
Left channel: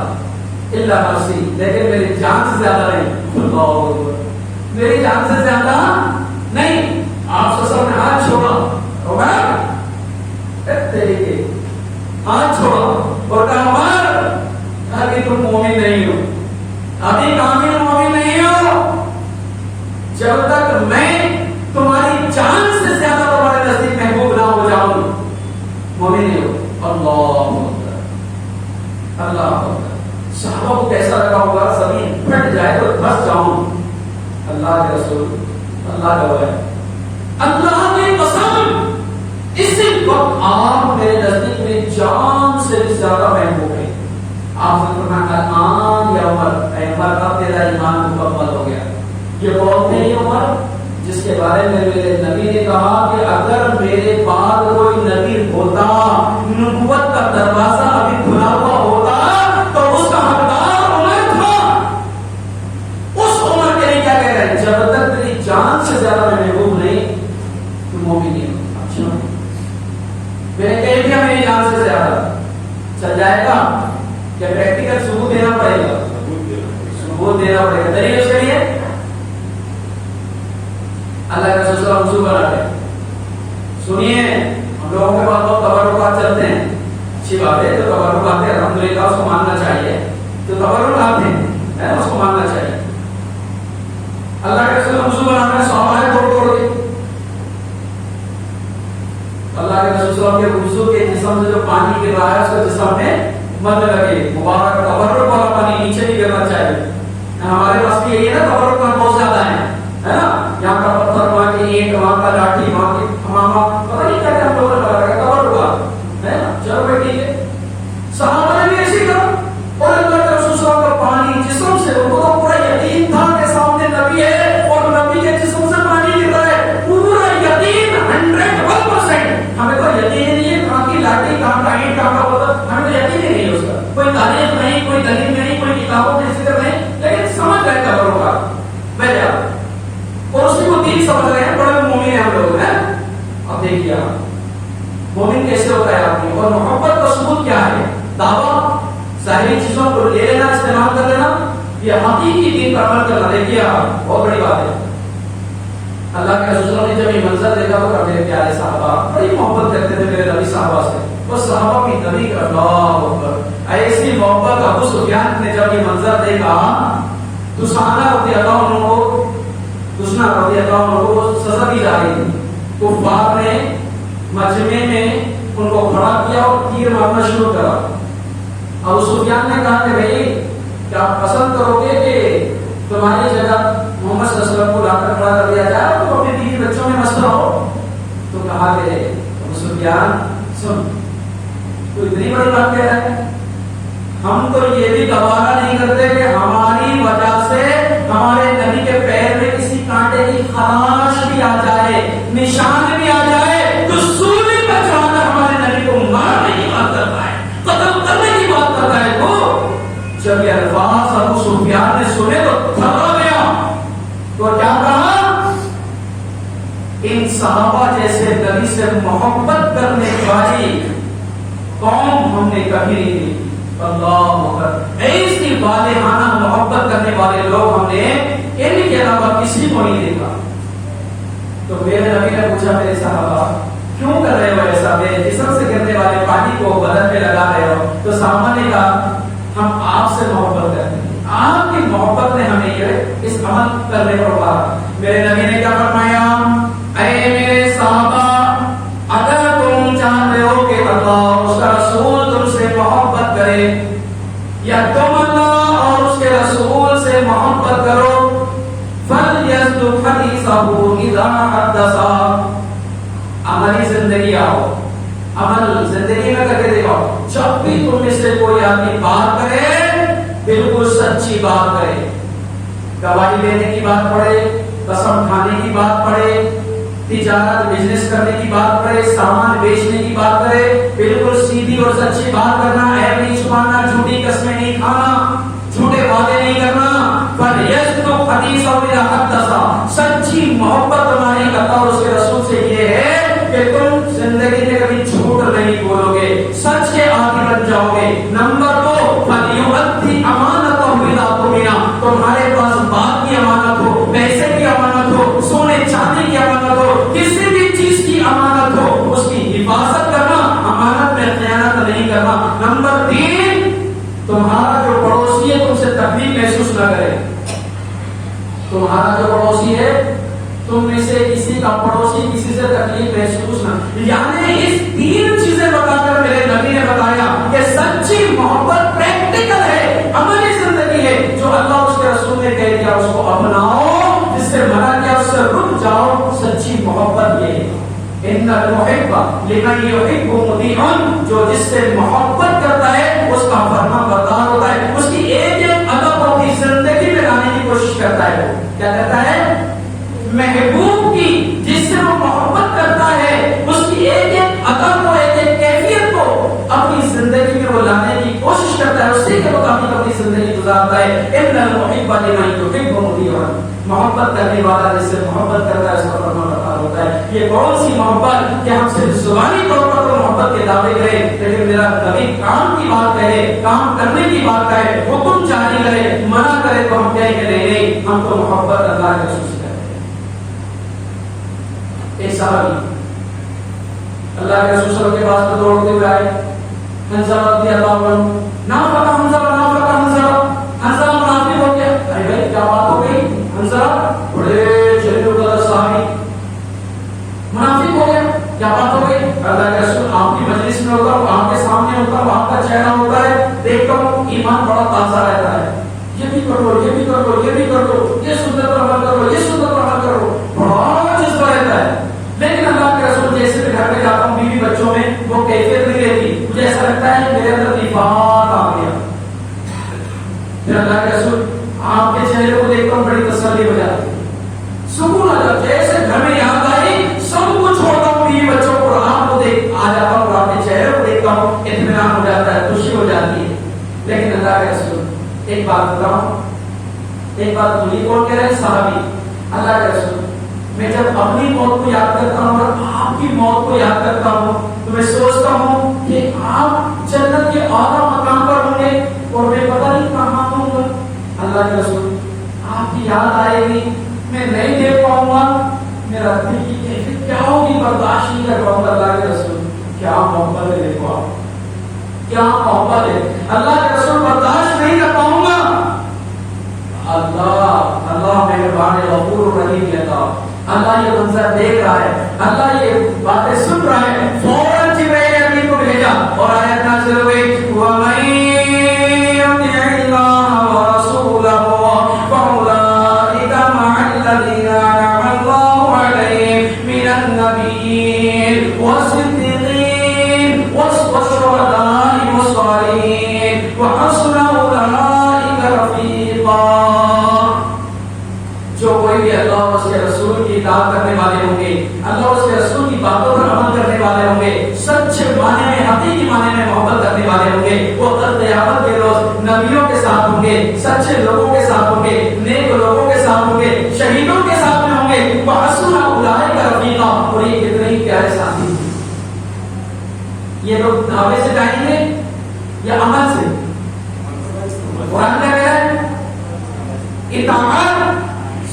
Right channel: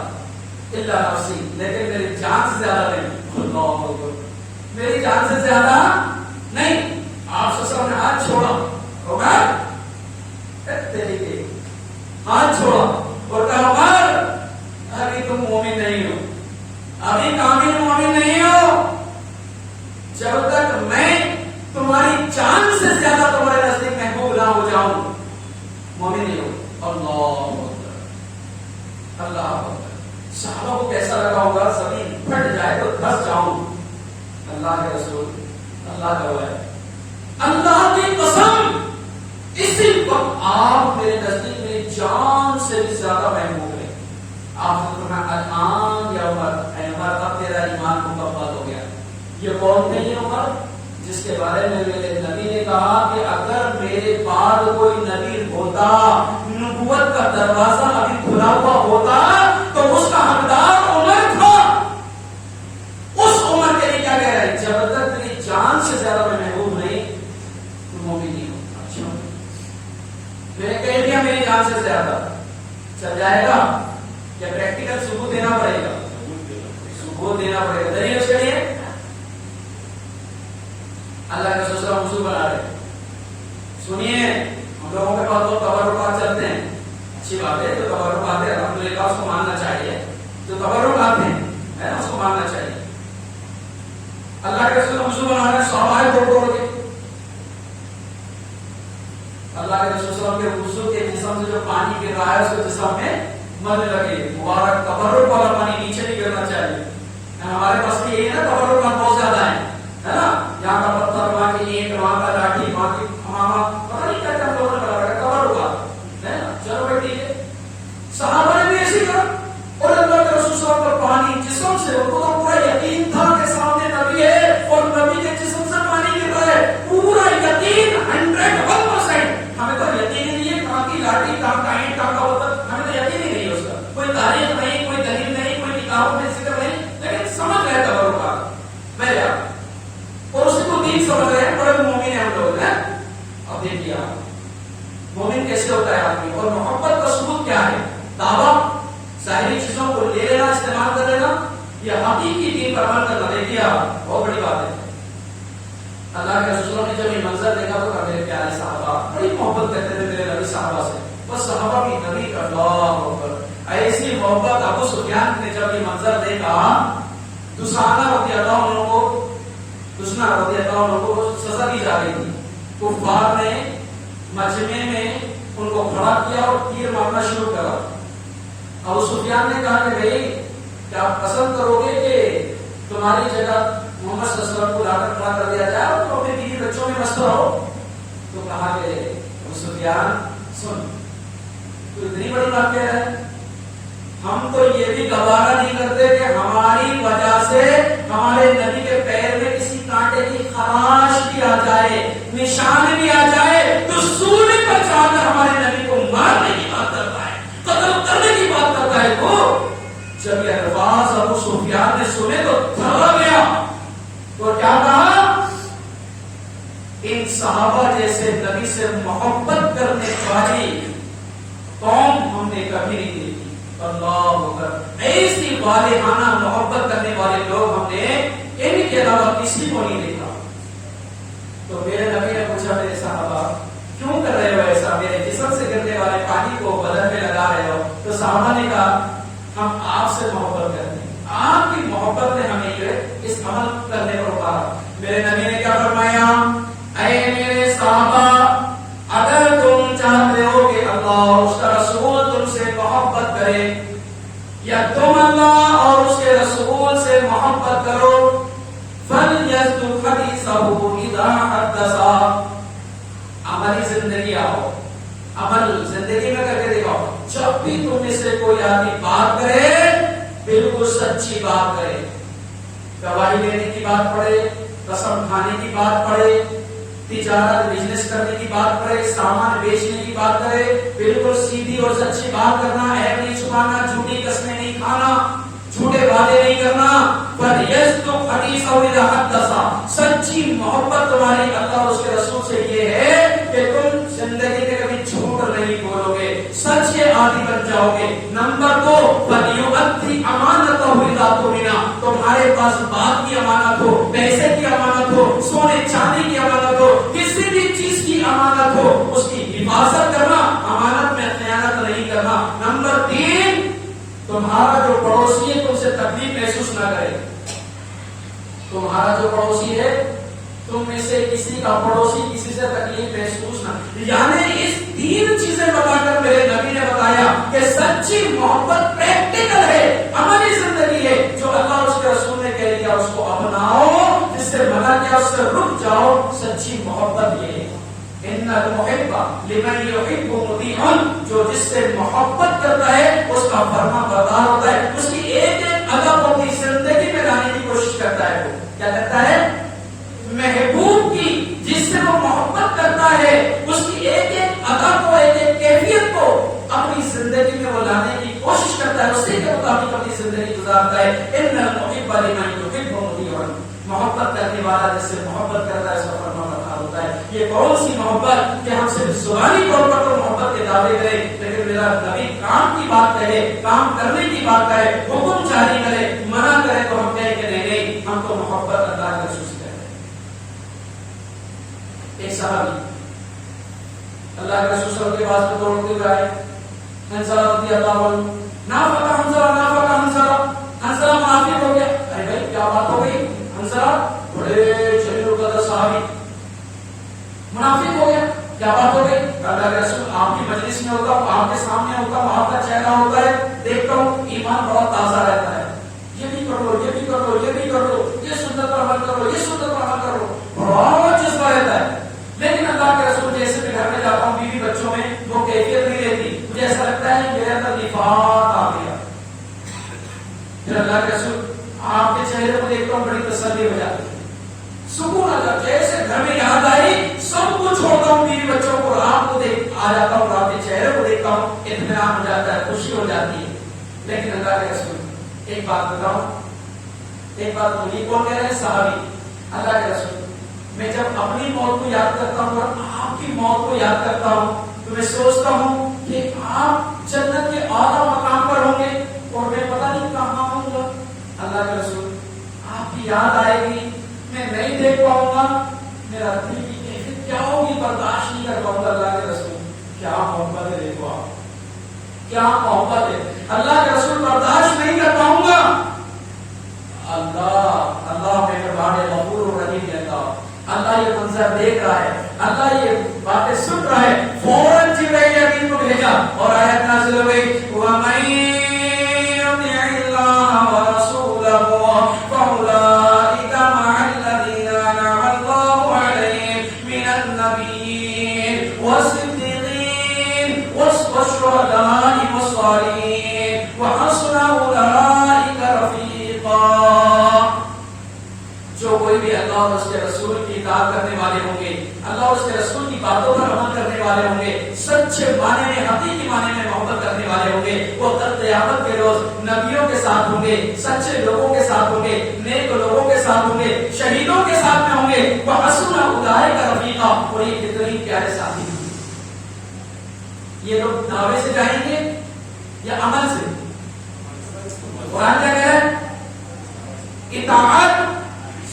اللہ نفسی لیکن میری جان سے زیادہ نہیں. اللہ اکبر. میری جان سے زیادہ نہیں. آپ سسر نے ہاتھ چھوڑا ہوگا طریقے ہاتھ چھوڑا اور کہا عمر ابھی تم مومن نہیں ہو, ابھی کامل مومن نہیں ہو. جب تک میں تمہاری جان سے زیادہ تمہارے نزدیک محبوب نہ ہو جاؤں مومن نہیں ہو. اللہ اللہ. صحابہ کو کیسا لگا ہوگا زمین پھٹ جائے تو دھس جاؤں. اللہ کے رسول اللہ کا ہے اللہ کی قسم اسی وقت آپ میرے نزدیک میری جان سے بھی زیادہ محبوب ہے. آپ نے فرمایا الان یا عمر, اے عمر اب تیرا ایمان مکمل ہو گیا. یہ کون ہے یہ عمر جس کے بارے میں میرے نبی نے کہا کہ اگر میرے بعد کوئی نبی ہوتا, نبوت کا دروازہ ابھی کھلا ہوا ہوتا تو اس کا حقدار عمر تھا. اس عمر کے لیے کیا کہہ رہے ہیں, جب تک میری جان سے زیادہ میں محبوب نہیں تو مومن نہیں ہو. میں نے کہہ دیا میری جان سے زیادہ چل جائے گا کیا پریکٹیکل ثبوت دینا پڑے گا, ثبوت دینا پڑے گا. دلیل اس کے لیے اللہ کے رسول منصوب بنا رہے. سنیے ہم لوگوں کے پاس بہت تبرکات چلتے ہیں, اچھی بات ہے, تو تبرکات ہے الحمدللہ اس کو ماننا چاہیے. تو تبرکات ہیں اس کو ماننا چاہیے. اللہ کے رسول منصوب بنا رہے, صحابہ توڑ کے اللہ کے رسول کے وضو کے جسم سے جو پانی گر رہا ہے اس کو جسم میں مت لگے. مبارک تبرک والا پانی نیچے نہیں گرنا چاہیے. ہمارے پاس بھی یہی ہے نا, تبرکات بہت زیادہ ہے نا. یہاں کا پتھر, وہاں کی اینٹ, وہاں کا لاٹھی, وہاں کی ہمامہ, پتہ نہیں کیا کیا ہم لوگوں نے کرا رکھا تبرک ہوا ہے نا. چلو بھائی ٹھیک ہے. صحابہ نے بھی ایسے کرا اور اللہ کے رسول صلی اللہ علیہ وسلم کا پانی جسم سے, ان کو تو پورا یقین تھا کہ سامنے نبی ہے اور نبی کے جسم سے پانی گر رہا ہے. پورا یقین 100%. ہمیں تو یقین ہی نہیں ہے کہاں کی لاٹھی, کہاں کا اینٹ, کہاں کا پتھر, ہمیں تو یقین ہی نہیں ہے اس کا. کوئی تاریخ نہیں, کوئی دلیل نہیں, کوئی کتابوں میں ذکر نہیں, لیکن سمجھ رہے تبرک کا میں اور اس کی وہ دین سمجھ رہے ہیں. بڑے مومن ہیں ہم لوگ ہیں. اب دیکھیے آپ مومن کیسے ہوتا ہے آدمی, اور محبت کا ثبوت کیا ہے. دعویٰ ظاہری چیزوں کو لے لینا, استعمال کر لینا, یہ حقیقی دین پر عمل کرنا. دیکھیے آپ بہت بڑی بات ہے. اللہ کے رسول نے جب یہ منظر دیکھا تو میرے پیارے صحابہ بڑی محبت کرتے تھے میرے نبی صحابہ سے. وہ صحابہ کی نبی کا اللہ اکبر ایسی محبت. ابو سفیان نے جب یہ منظر دیکھا, دسانہ رضی اللہ عنہ کو, دسنا رضی اللہ عنہ کو سزا دی جا رہی تھی. کفار نے مجمع میں ان کو کھڑا کیا اور تیر مارنا شروع کرا. ابو سفیان نے کہا کہ بھائی کیا پسند کرو گے کہ تمہاری جگہ محمد صلی اللہ علیہ وسلم کو لا کر کھڑا کر دیا جائے اور تم اپنے بیوی بچوں میں مست رہو؟ تو کہا کہ ابو سفیان سن, تو اتنی بڑی بات کہہ رہے ہیں, ہم تو یہ بھی گوارا نہیں کرتے کہ ہماری وجہ سے ہمارے نبی کے پیر میں کسی کانٹے کی خراش بھی آ جائے, نشان بھی آ جائے تو سونے کا چاند ہمارے نبی کو مارنے کی بات کرتا ہے, قتل کرنے کی بات کرتا ہے. وہ جب یہ الفاظ ابو سفیان نے سنے تو تھرا گیا. تو کیا کہا, ان صحابہ جیسے نبی سے محبت کرنے والی قوم ہم نے کبھی نہیں دیکھی. اللہ اکبر, ایسی والہانہ محبت کرنے والے لوگ ہم نے ان کے علاوہ کسی کو نہیں دیکھا. تو میرے نبی نے پوچھا میرے صحابہ کیوں کر رہے ہو ایسا, میرے جسم سے گرنے والے پانی کو بدن پہ لگا رہے ہو؟ تو صحابہ نے کہا ہم آپ سے محبت کرتے ہیں, آپ کی محبت نے ہمیں یہ اس عمل کرنے پر ابھارا. میرے نبی نے کیا فرمایا, اے میرے صحابہ اگر تم چاہتے ہو کہ اللہ اور اس کا رسول تم سے محبت کرے, یا تم اللہ اور اس کے رسول سے محبت کرو, فَلْيَصْدُقْ حَدِيثَهُ إِذَا حَدَّثَ. عملی زندگی آؤ, عمل زندگی میں کر کے دیکھو, جب بھی تم میں سے کوئی آدمی بات کرے بالکل سچی بات کرے, گواہی دینے کی بات پڑے, قسم کھانے کی بات پڑے, تجارت بزنس کرنے کی بات کرے, سامان بیچنے کی بات کرے, بالکل سیدھی اور سچی بات کرنا, عیب نہیں چھپانا, جھوٹی قسمیں نہیں کھانا, جھوٹے وعدے نہیں کرنا. فَلْيَصْدُقْ حَدِيثَهُ إِذَا حَدَّثَ. سچی محبت تمہارا جو پڑوسی ہے تم سے تکلیف محسوس نہ کرے. تمہارا جو پڑوسی ہے تم میں سے کسی کا پڑوسی کسی سے تکلیف محسوس نہ. یعنی اس 3 چیزیں بتا کر میرے نبی نے بتایا کہ سچی محبت پریکٹیکل ہے، عملی زندگی ہے. جو اللہ اس کے رسول نے کہہ دیا اس کو اپناؤ، جس سے منع کیا اس سے رک جاؤ. سچی محبت یہ ہے. ان المحب لمن يحب مطیع، جو جس سے محبت کرتا ہے اس کا فرما بردار ہوتا ہے. اس کی ایک ادا کو اپنی زندگی میں لانے کی کوشش کرتا ہے. وہ کیا کرتا ہے؟ محبوب کی جس سے وہ محبت کرتا ہے اس کی ایک ادا کو، ایک کیفیت کو اپنی زندگی میں وہ لانے کی کوشش کرتا ہے، اسی کے مطابق اپنی زندگی گزارتا ہے. ان المحب لمن يحب مطیع، محبت کرنے والا جس سے محبت کرتا ہے اس کا فرما بردار ہوتا ہے. یہ کون سی محبت کہ ہم صرف زبانی طور پر تو محبت کے دعوے کریں، لیکن میرا نبی کام کی بات کہے، کام کرنے کی بات کہے، حکم جاری کرے، منع کرے تو ہم کہیں کہ نہیں ہم تو محبت اللہ کے رسول سے کرتے ہیں. ایک صحابی اللہ کے رسول صلی اللہ علیہ وسلم کے پاس میں دوڑتے ہوئے آئے. حنظلہ رضی اللہ عنہ، نافق حنظلہ، نافق حنظلہ، حنظلہ منافق ہو گیا. ارے بھائی کیا بات ہو گئی؟ حنظلہ بڑے جلیل القدر صحابی منافق ہو گیا، کیا بات ہو گئی؟ اللہ کے رسول آپ کی مجلس میں ہوتا ہوں، آپ کے سامنے ہوتا ہوں، آپ کا چہرہ ہوتا ہے، دیکھتا ہوں ایمان بڑا تازہ رہتا ہے. یہ بھی کر لو، یہ بھی کر لو، یہ بھی کر لو، یہ سنت پر عمل کرو، یہ سنت پر عمل کرو، بڑا جذبہ رہتا ہے. لیکن اللہ کے رسول جیسے بھی گھر میں جاتا ہوں بیوی بچوں میں وہ کیفیت نہیں رہتی. مجھے ایسا لگتا ہے میرے اندر نفاق آ گیا. پھر اللہ کے رسول آپ کے چہرے کو دیکھتا ہوں بڑی تسلی ہو جاتی ہے، سکون آ جاتا ہے. جیسے گھر میں یاد آئی سب کچھ چھوڑتا ہوں بیوی بچوں کو اور آپ کو دیکھ آ جاتا ہوں اور آپ کے چہرے کو دیکھتا ہوں، اطمینان ہو جاتا ہے، خوشی ہو جاتی ہے. لیکن اللہ کے رسول ایک بات بتاؤں، ایک بات مجھے کون کہہ رہے ہیں؟ صحابی. اللہ کے رسول میں جب اپنی موت کو یاد کرتا ہوں اور آپ کی موت کو یاد کرتا ہوں تو میں سوچتا ہوں کہ آپ جنت کے اعلیٰ مقام پر ہوں گے اور میں پتہ نہیں کہاں ہوں گا. اللہ کے رسول آپ کی یاد آئے گی، میں نہیں دیکھ پاؤں گا، میرا دل کی کیفیت کیا ہوگی برداشت نہیں کر پاؤں گا. اللہ کے رسول کیا محبت ہے، دیکھو آپ کیا محبت ہے. اللہ کے رسول برداشت نہیں کر پاؤں گا. اللہ اللہ مہربان غفور رحیم ہے. اللہ یہ منظر دیکھ رہا ہے، اللہ یہ باتیں سن رہا ہے. فوراً جبرائیل امین کو بھیجا اور آیت نازل ہوئی وَمَن يُطِعِ اللَّهَ وَرَسُولَهُ فَأُولَٰئِكَ مَعَ الَّذِينَ أَنْعَمَ اللَّهُ عَلَيْهِم مِّنَ النَّبِيِّينَ وَالصِّدِّيقِينَ وَالشُّهَدَاءِ وَالصَّالِحِينَ وَحَسُنَ أُولَٰئِكَ رَفِيقًا. جو کوئی بھی اللہ اور اس کے رسول کی اطاعت کرنے والے ہوں گے، اللہ اور اس کے رسول کی باتوں پر عمل کرنے والے ہوں گے، سچے معنی میں حقیقی معنی میں محبت کرنے والے ہوں گے، وہ کل قیامت کے روز نبیوں کے ساتھ ہوں گے، سچے لوگوں کے ساتھ ہوں گے، نیک لوگوں کے ساتھ ہوں گے، شہیدوں کے ساتھ میں ہوں گے. وحسن اولئک رفیقا. اور یہ کتنے ہی پیارے ساتھی. یہ لوگ دعوے سے جائیں گے یا عمل سے؟ قرآن کہہ رہا ہے اطاعت،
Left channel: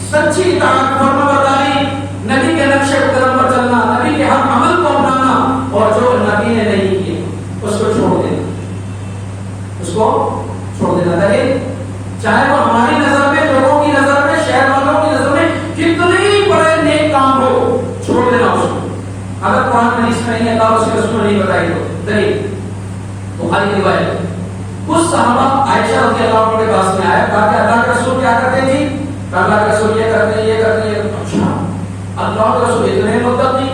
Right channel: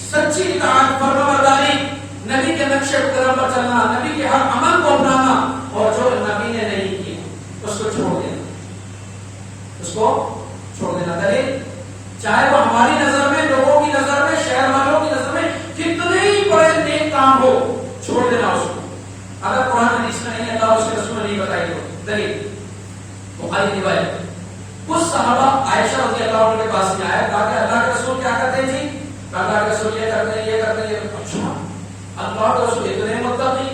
سچی اطاعت، فرمانبرداری، نبی کے نقش قدم پر چلنا، نبی کے ہر عمل کو اپنانا، اور جو نبی نے نہیں کیا اس کو چھوڑ دینا، اس کو چھوڑ دینا. چاہے وہ ہماری نظر میں، لوگوں کی نظر میں، شہر والوں کی نظر میں کتنے ہی بڑے نیک کام ہو، چھوڑ دینا اس کو. اگر قرآن حدیث میں نہیں ہے اس کے رسول نہیں بتائی تو دلیل بخاری کی روایت. کچھ صحابہ عائشہ رضی اللہ عنہ کے پاس میں آیا، کہا کہ اللہ کے رسول کیا کرتے ہیں جی؟ اللہ کے رسول یہ کرتے ہیں، یہ کرتے ہیں. اچھا اللہ کے رسول اتنے متقی،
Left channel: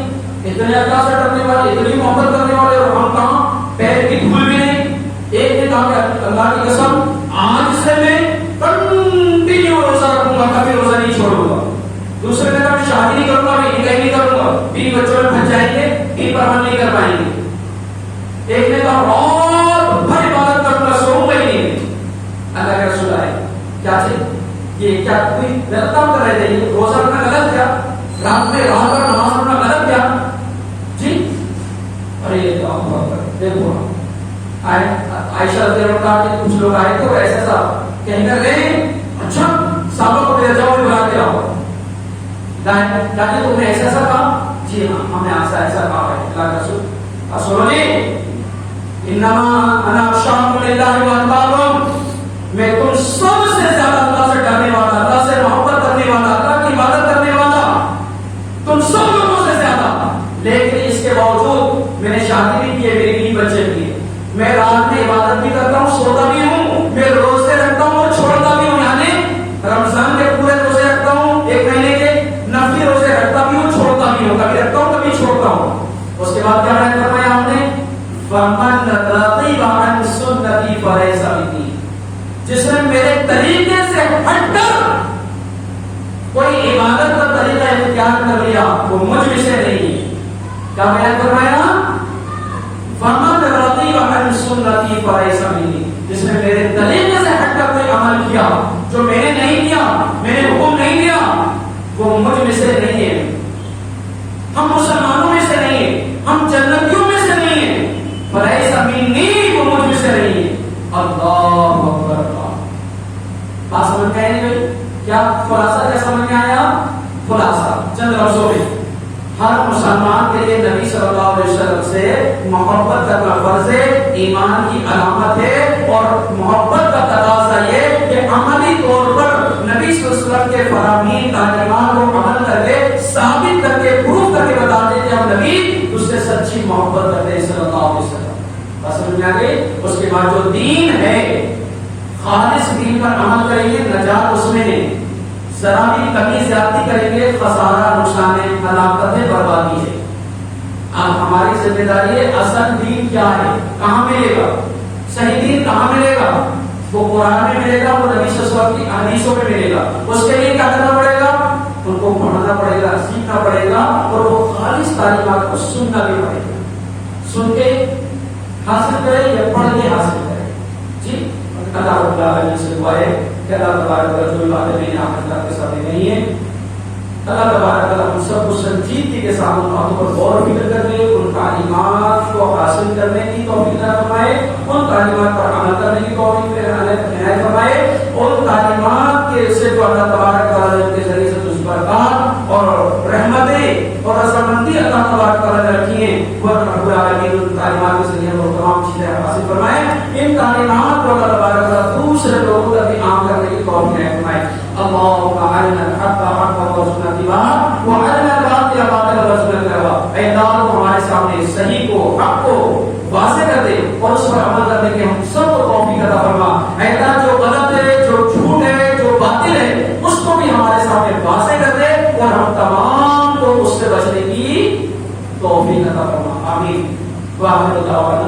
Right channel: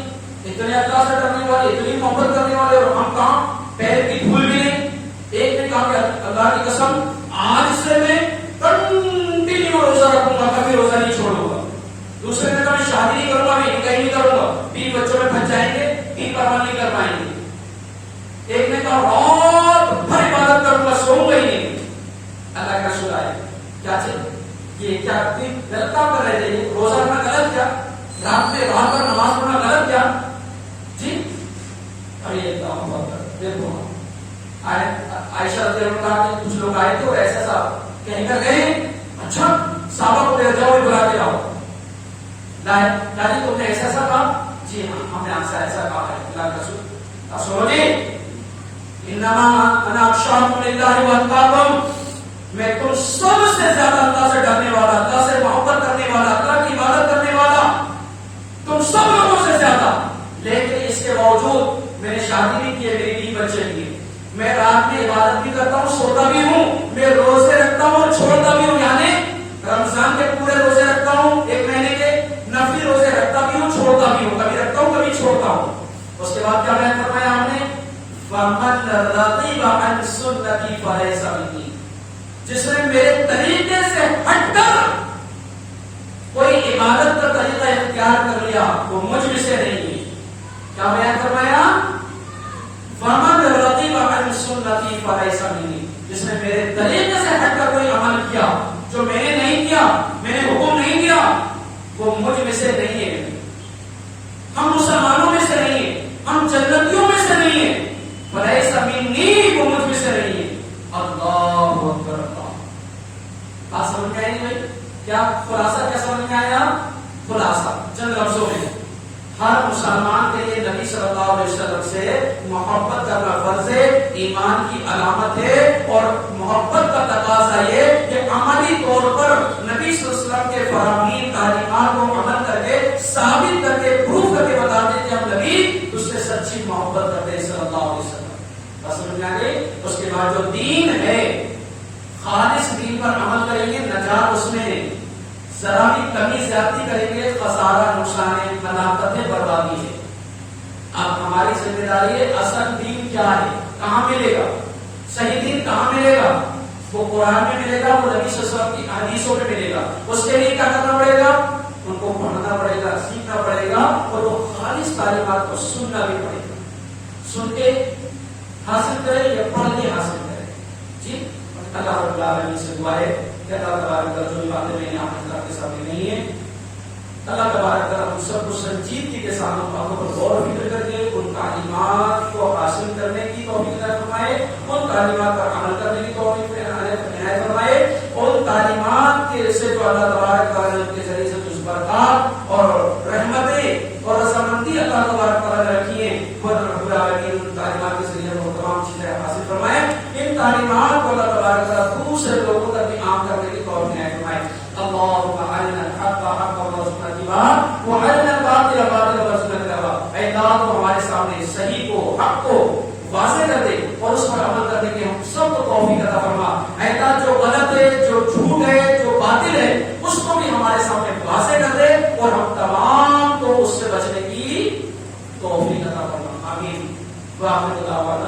اتنے اللہ سے ڈرنے والے، اتنی محبت کرنے والے، اور ہم کہاں پیر کی دھول بھی نہیں. ایک نے کہا کہ اللہ کی قسم آج سے میں کنٹینیو روزہ رکھوں گا، کبھی روزہ نہیں چھوڑوں گا. دوسرے نے کہا میں شادی نہیں کروں گا، میں نکاح نہیں کروں گا، بیوی بچوں میں پھنس جائیں گے، ان پر عمل نہیں کر پائیں گے. ایک نے کہا رات بھر عبادت کروں گا، سوؤں گا ہی نہیں. اللہ کے رسول آئے، کیا چاہیے؟ یہ کیا غلط کام کر رہے تھے؟ روزہ رکھنا غلط کیا؟ رات میں رات بھر نماز پڑھنا غلط کیا جی؟ ارے یہ تو دیکھو عائشہ رضی اللہ عنہا کے کچھ لوگ آئے تھے اور ایسا سا کہیں کر گئے. اچھا صحابہ کو دے جاؤ بلا کے لاؤ. دادی تم نے ایسا ایسا کہا؟ جی ہاں ہم نے ایسا ایسا کہا ہے. اللہ کے رسول سنو جی، انما انا اخشاکم للہ واتقاکم. فلیس منی، جس نے میرے طریقے سے ہٹ کر کوئی عبادت کا طریقہ اختیار کر لیا وہ مجھ میں سے نہیں ہے. کیا بیان فرمایا؟ فمن رضی عن سنتی فلیس منی، جس نے میرے طریقے سے ہٹ کر کوئی عمل کیا جو میں نے نہیں کیا، میں نے حکم نہیں دیا، وہ مجھ میں سے نہیں ہے. ہم مسلمانوں میں سے نہیں ہیں، ہم جنتیوں میں سے نہیں ہیں. فلیس منی، وہ مجھ میں سے نہیں ہے. اللہ اکبر. بات سمجھ میں آئی نہیں؟ کیا خلاصہ کیا سمجھ میں آیا؟ خلاصہ چند لفظوں میں، ہر مسلمان کے لیے نبی صلی اللہ علیہ وسلم سے محبت کرنا فرض ہے، ایمان کی علامت ہے. اور محبت کا تقاضا یہ کہ عملی طور پر نبی صلی اللہ علیہ وسلم کے فرامین تعلیمات کو عمل کر کے ثابت کر کے پروف کر کے بتاتے کہ ہم نبی اس سے سچی محبت کرتے ہیں صلی اللہ علیہ وسلم. بات سمجھ میں آ گئی؟ اس کے بعد جو دین ہے، خالص دین پر عمل کریں گے نجات اس میں ہے. ذرا بھی کمی زیادتی کریں گے خسارہ، نقصان ہے، ہلاکت ہے، بربادی ہے. اب ہماری ذمہ داری ہے اصل دین کیا ہے، کہاں ملے گا، صحیح دین کہاں ملے گا؟ وہ قرآن میں ملے گا، وہ نبی صلی اللہ علیہ وسلم کی حدیثوں میں ملے گا. اس کے لیے کیا کرنا پڑے گا؟ ان کو پڑھنا پڑے گا، سیکھنا پڑے گا، اور وہ خالص تعلیمات کو سننا بھی پڑے گا. سن کے حاصل کرے یا پڑھ کے حاصل کرے. جی اللہ رب العالمین سے دعا ہے کہ اللہ تبارک و تعالیٰ جو باتیں میں نے آپ کے سامنے نہیں ہے، اللہ تبارک و تعالیٰ ہم سب کو سنجیدگی کے ساتھ ان باتوں پر غور و فکر کرنے، ان تعلیمات کو حاصل کرنے کی توفیق عطا فرمائے، ان تعلیمات پر عمل کرنے کی توفیق عنایت فرمائے، ان تعلیمات کے سے جو اللہ تبارک و تعالیٰ کے ذریعے سے تجھ برکات اور رحمتیں اور رضامندی اللہ تبارک و تعالیٰ نے رکھی ہیں، وہ رب العالمین ان تعلیمات کے ذریعے وہ تمام چیزیں حاصل فرمائے. ان تعلیمات کو اللہ تبارک و تعالیٰ دوسرے لوگوں تک بھی عام کرنے کی توفیق عنایت فرمائے. اللهم ارنا الحق حقا وارزقنا اتباعه وارنا الباطل باطلا وارزقنا اجتنابه. اے اللہ ہمارے سامنے صحیح کو، حق کو واضح کر دے اور اس پر عمل کرنے کی ہم سب کو توفیق عطا فرما. اے اللہ جو غلط ہے، جو جھوٹ ہے، جو باطل ہے، اس کو بھی ہمارے سامنے واضح کر دے اور ہم تمام کو اس سے بچنے کی توفیق عطا فرما. آمین. واخر دعوانا